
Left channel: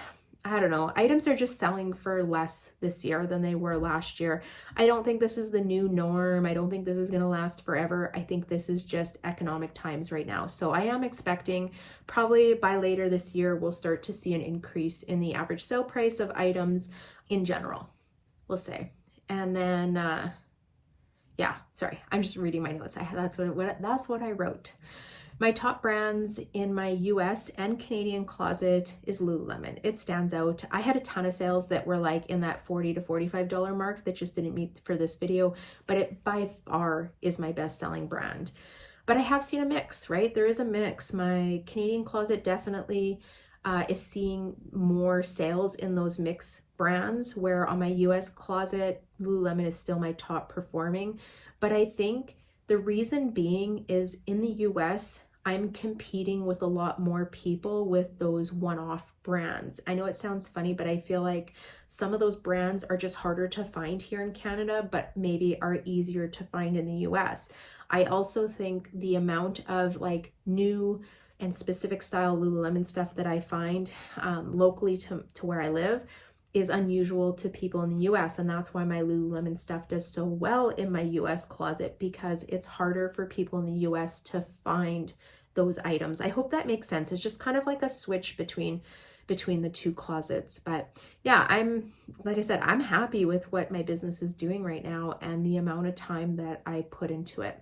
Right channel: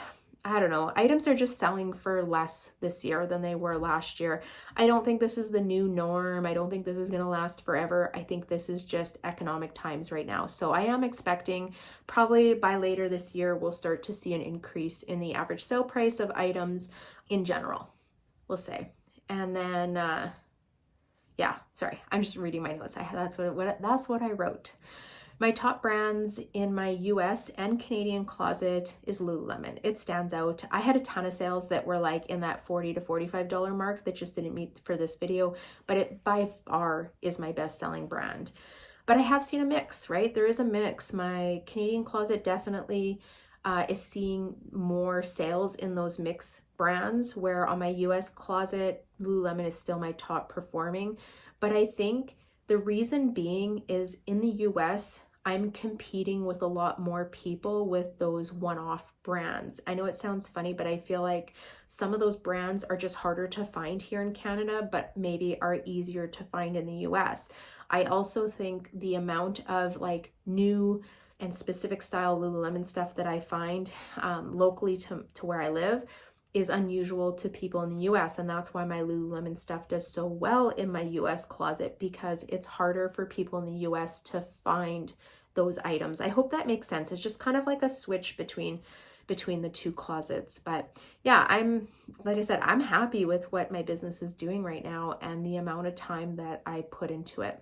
I don't know, items are just selling for less this year than they were last year. I don't think this is the new norm. I don't think this is going to last forever. I think this is just economic times right now. So I am expecting probably by later this year, we'll start to see an increase in the average sale price of items in general, we'll say. And then Yeah, sorry, I'm just reading my notes. That's what I wrote. My top brands in my US and Canadian closet is Lululemon. It stands out. I had a ton of sales that were like in that $40 to $45 mark that just didn't meet for this video, but it by far is my best selling brand. But I have seen a mix, right? There is a mix. My Canadian closet definitely is seeing more sales in those mix brands, where on my US closet, Lululemon is still my top performing. But I think the reason being is in the US, I'm competing with a lot more people with those one-off brands. I know it sounds funny, but I feel like some of those brands are just harder to find here in Canada, but maybe are easier to find in the US. I also think the amount of like new and specific style Lululemon stuff that I find locally to where I live is unusual to people in the US. And that's why my Lululemon stuff does so well in my US closet, because it's harder for people in the US to find those items. I hope that makes sense. It's just kind of like a switch between the two closets. But yeah, like I said, I'm happy with what my business is doing right now and the amount of time that I put into it.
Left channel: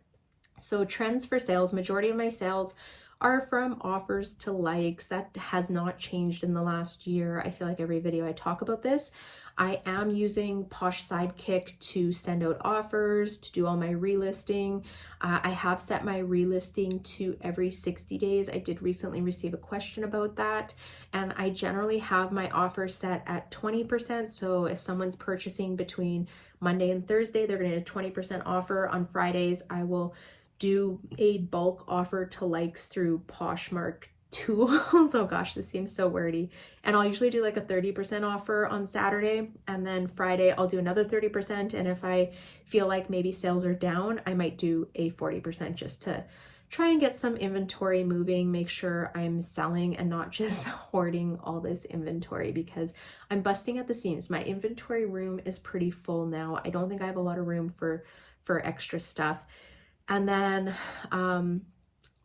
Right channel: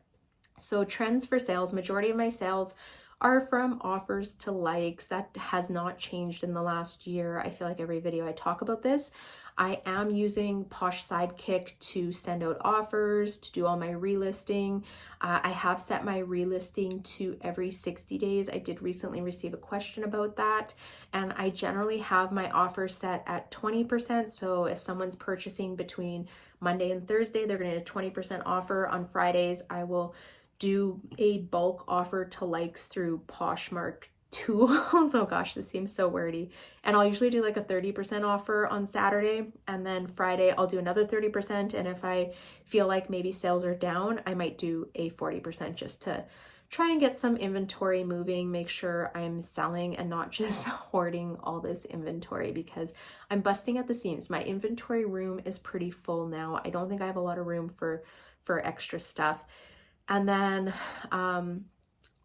So trends for sales, majority of my sales are from offers to likes. That has not changed in the last year. I feel like every video I talk about this. I am using POSH SIDEKICK to send out offers, to do all my relisting. I have set my relisting to every 60 days. I did recently receive a question about that. And I generally have my offer set at 20%. So if someone's purchasing between Monday and Thursday, they're going to get a 20% offer. On Fridays, I will do a bulk offer to likes through Poshmark tools. Oh gosh, this seems so wordy. And I'll usually do like a 30% offer on Saturday, and then Friday I'll do another 30%. And if I feel like maybe sales are down, I might do a 40% just to try and get some inventory moving, make sure I'm selling and not just hoarding all this inventory, because I'm busting at the seams. My inventory room is pretty full now. I don't think I have a lot of room for extra stuff. And then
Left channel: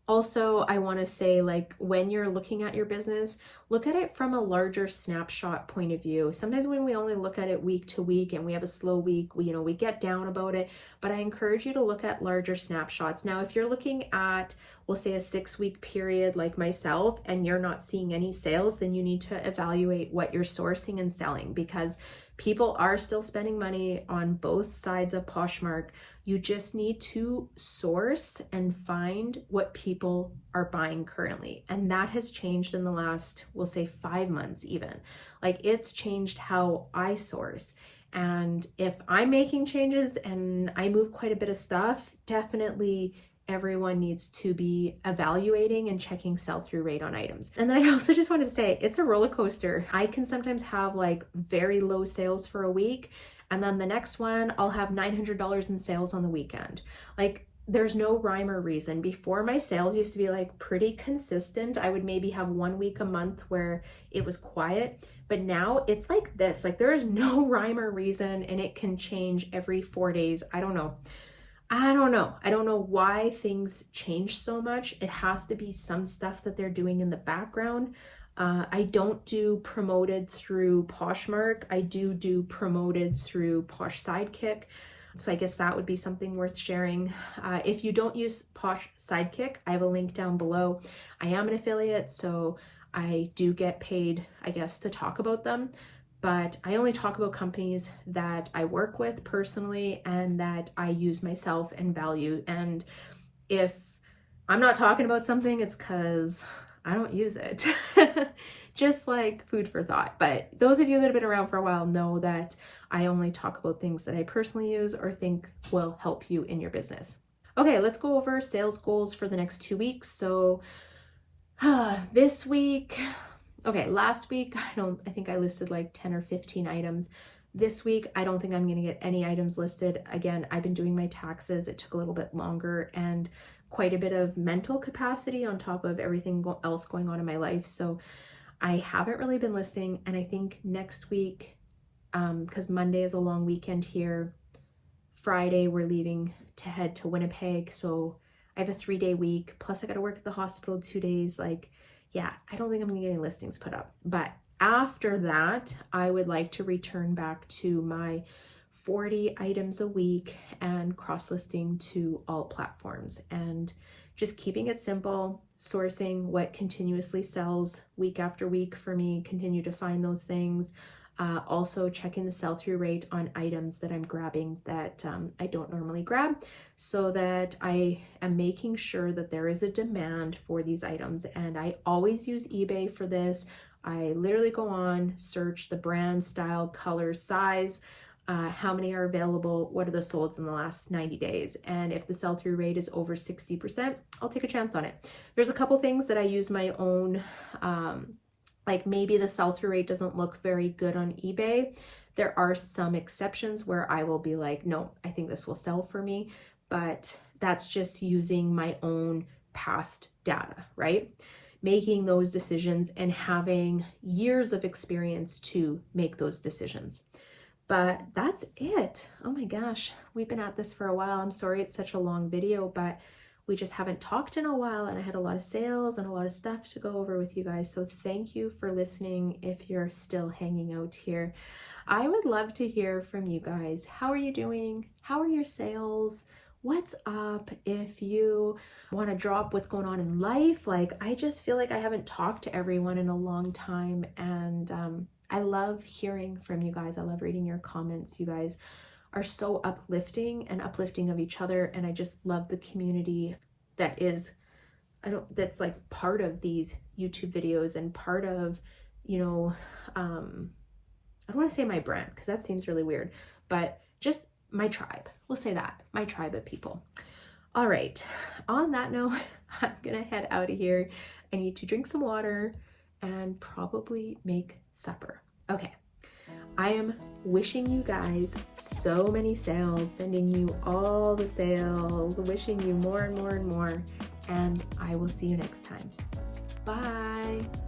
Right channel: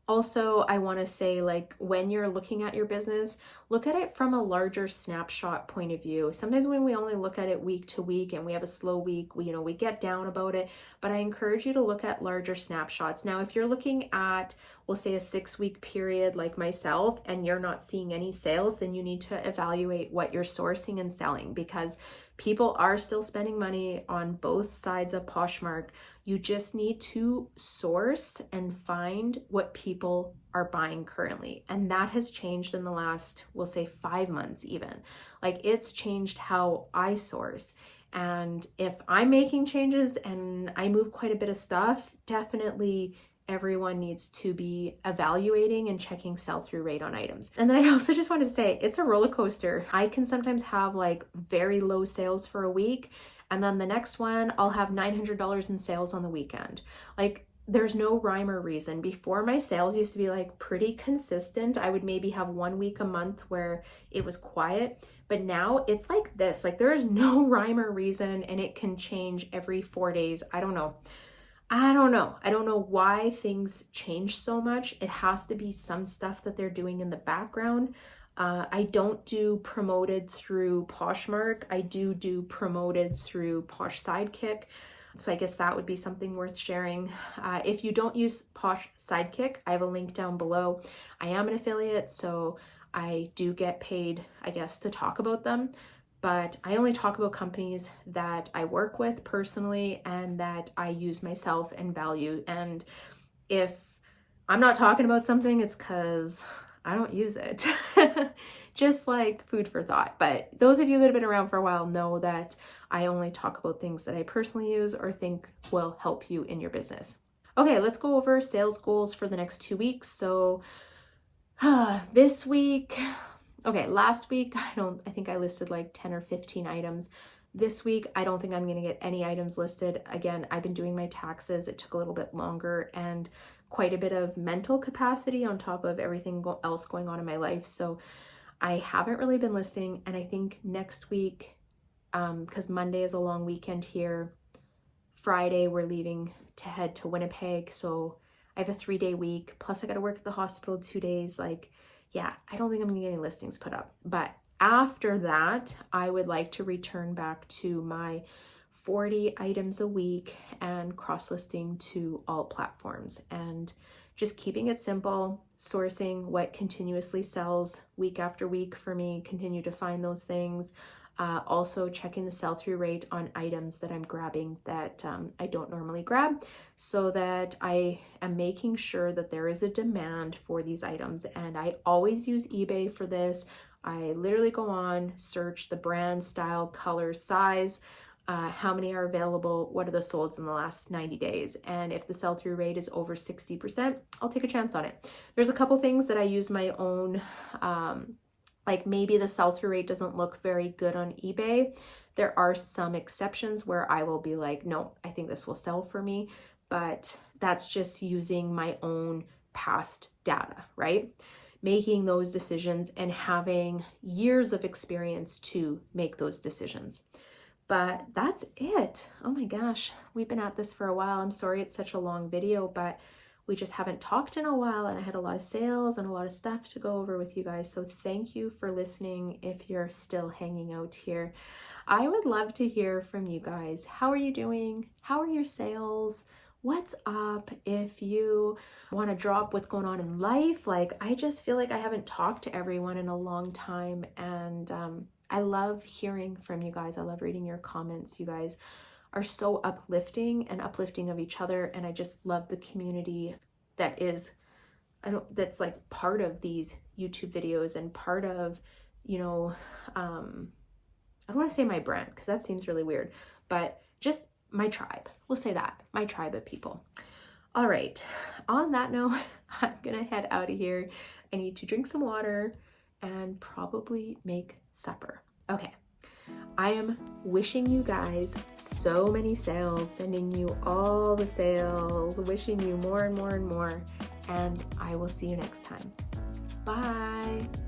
also I want to say, like, when you're looking at your business, look at it from a larger snapshot point of view. Sometimes when we only look at it week to week and we have a slow week, we get down about it, but I encourage you to look at larger snapshots. Now, if you're looking at, we'll say, a 6-week period like myself, and you're not seeing any sales, then you need to evaluate what you're sourcing and selling, because people are still spending money on both sides of Poshmark. You just need to source and find what people are buying currently. And that has changed in the last, we'll say, 5 months even. Like, it's changed how I source. And if I'm making changes and I move quite a bit of stuff, definitely everyone needs to be evaluating and checking sell-through rate on items. And then I also just want to say, it's a roller coaster. I can sometimes have like very low sales for a week, and then the next one I'll have $900 in sales on the weekend. Like, there's no rhyme or reason. Before, my sales used to be like pretty consistent. I would maybe have 1 week a month where it was quiet, but now it's like this. Like, there is no rhyme or reason, and it can change every 4 days. I don't know why things change so much. It has to be some stuff that they're doing in the background. I don't do promoted through Poshmark. I do promoted through POSH SIDEKICK. So I guess that would be something worth sharing. If you don't use POSH SIDEKICK, I have a link down below. I am an affiliate, so I do get paid, I guess, to talk about them. But I only talk about companies that I work with personally and that I use myself and value. And if I'm not talking about something, it's because I don't use it. Just like food for thought. But those of you that have been around for a while know that I only talk about things that I personally use or think will help you in your business. Okay, let's go over sales goals for the next 2 weeks. So this week, okay, last week, I think I listed like 10 or 15 items. This week, I don't think I'm going to get any items listed. Again, I've been doing my taxes. It took a little bit longer and quite a bit of mental capacity on top of everything else going on in my life. So I haven't really been listing. And I think next week, because Monday is a long weekend here, Friday we're leaving to head to Winnipeg. So I have a 3-day week. Plus I got to work at the hospital 2 days. Like, yeah, I don't think I'm gonna get any listings put up. But after that, I would like to return back to my 40 items a week and cross-listing to all platforms, and just keeping it simple, sourcing what continuously sells week after week for me, continue to find those things. Also checking the sell-through rate on items that I'm grabbing that I don't normally grab, so that I am making sure that there is a demand for these items. And I always use eBay for this. I literally go on, search the brand, style, color, size, how many are available, what are the solds in the last 90 days. And if the sell-through rate is over 60%, I'll take a chance on it. There's a couple things that I use my own, like maybe the sell-through rate doesn't look very good on eBay. There are some exceptions where I will be like, no, I think this will sell for me, but that's just using my own past data, right? Making those decisions and having years of experience to make those decisions. But that's it. Oh my gosh, we've been at this for a while. I'm sorry it's such a long video, but we just haven't talked in a while, and I had a lot of sales and a lot of stuff to go over with you guys. So thank you for listening if you're still hanging out here. I would love to hear from you guys. How are you doing? How are your sales? What's up? If you want to drop what's going on in life, like I just feel like I haven't talked to everyone in a long time, and I love hearing from you guys. I love reading your comments. You guys are so uplifting and uplifting of each other, and I just love the community that is, that's like part of these YouTube videos and part of, you know, I don't want to say my brand because that seems really weird, but just my tribe. We'll say that, my tribe of people. All right, on that note, I'm gonna head out of here. I need to drink some water and probably make supper. Okay. I am wishing you guys so many sales, sending you all the sales, wishing you more and more and more, and I will see you next time. Bye.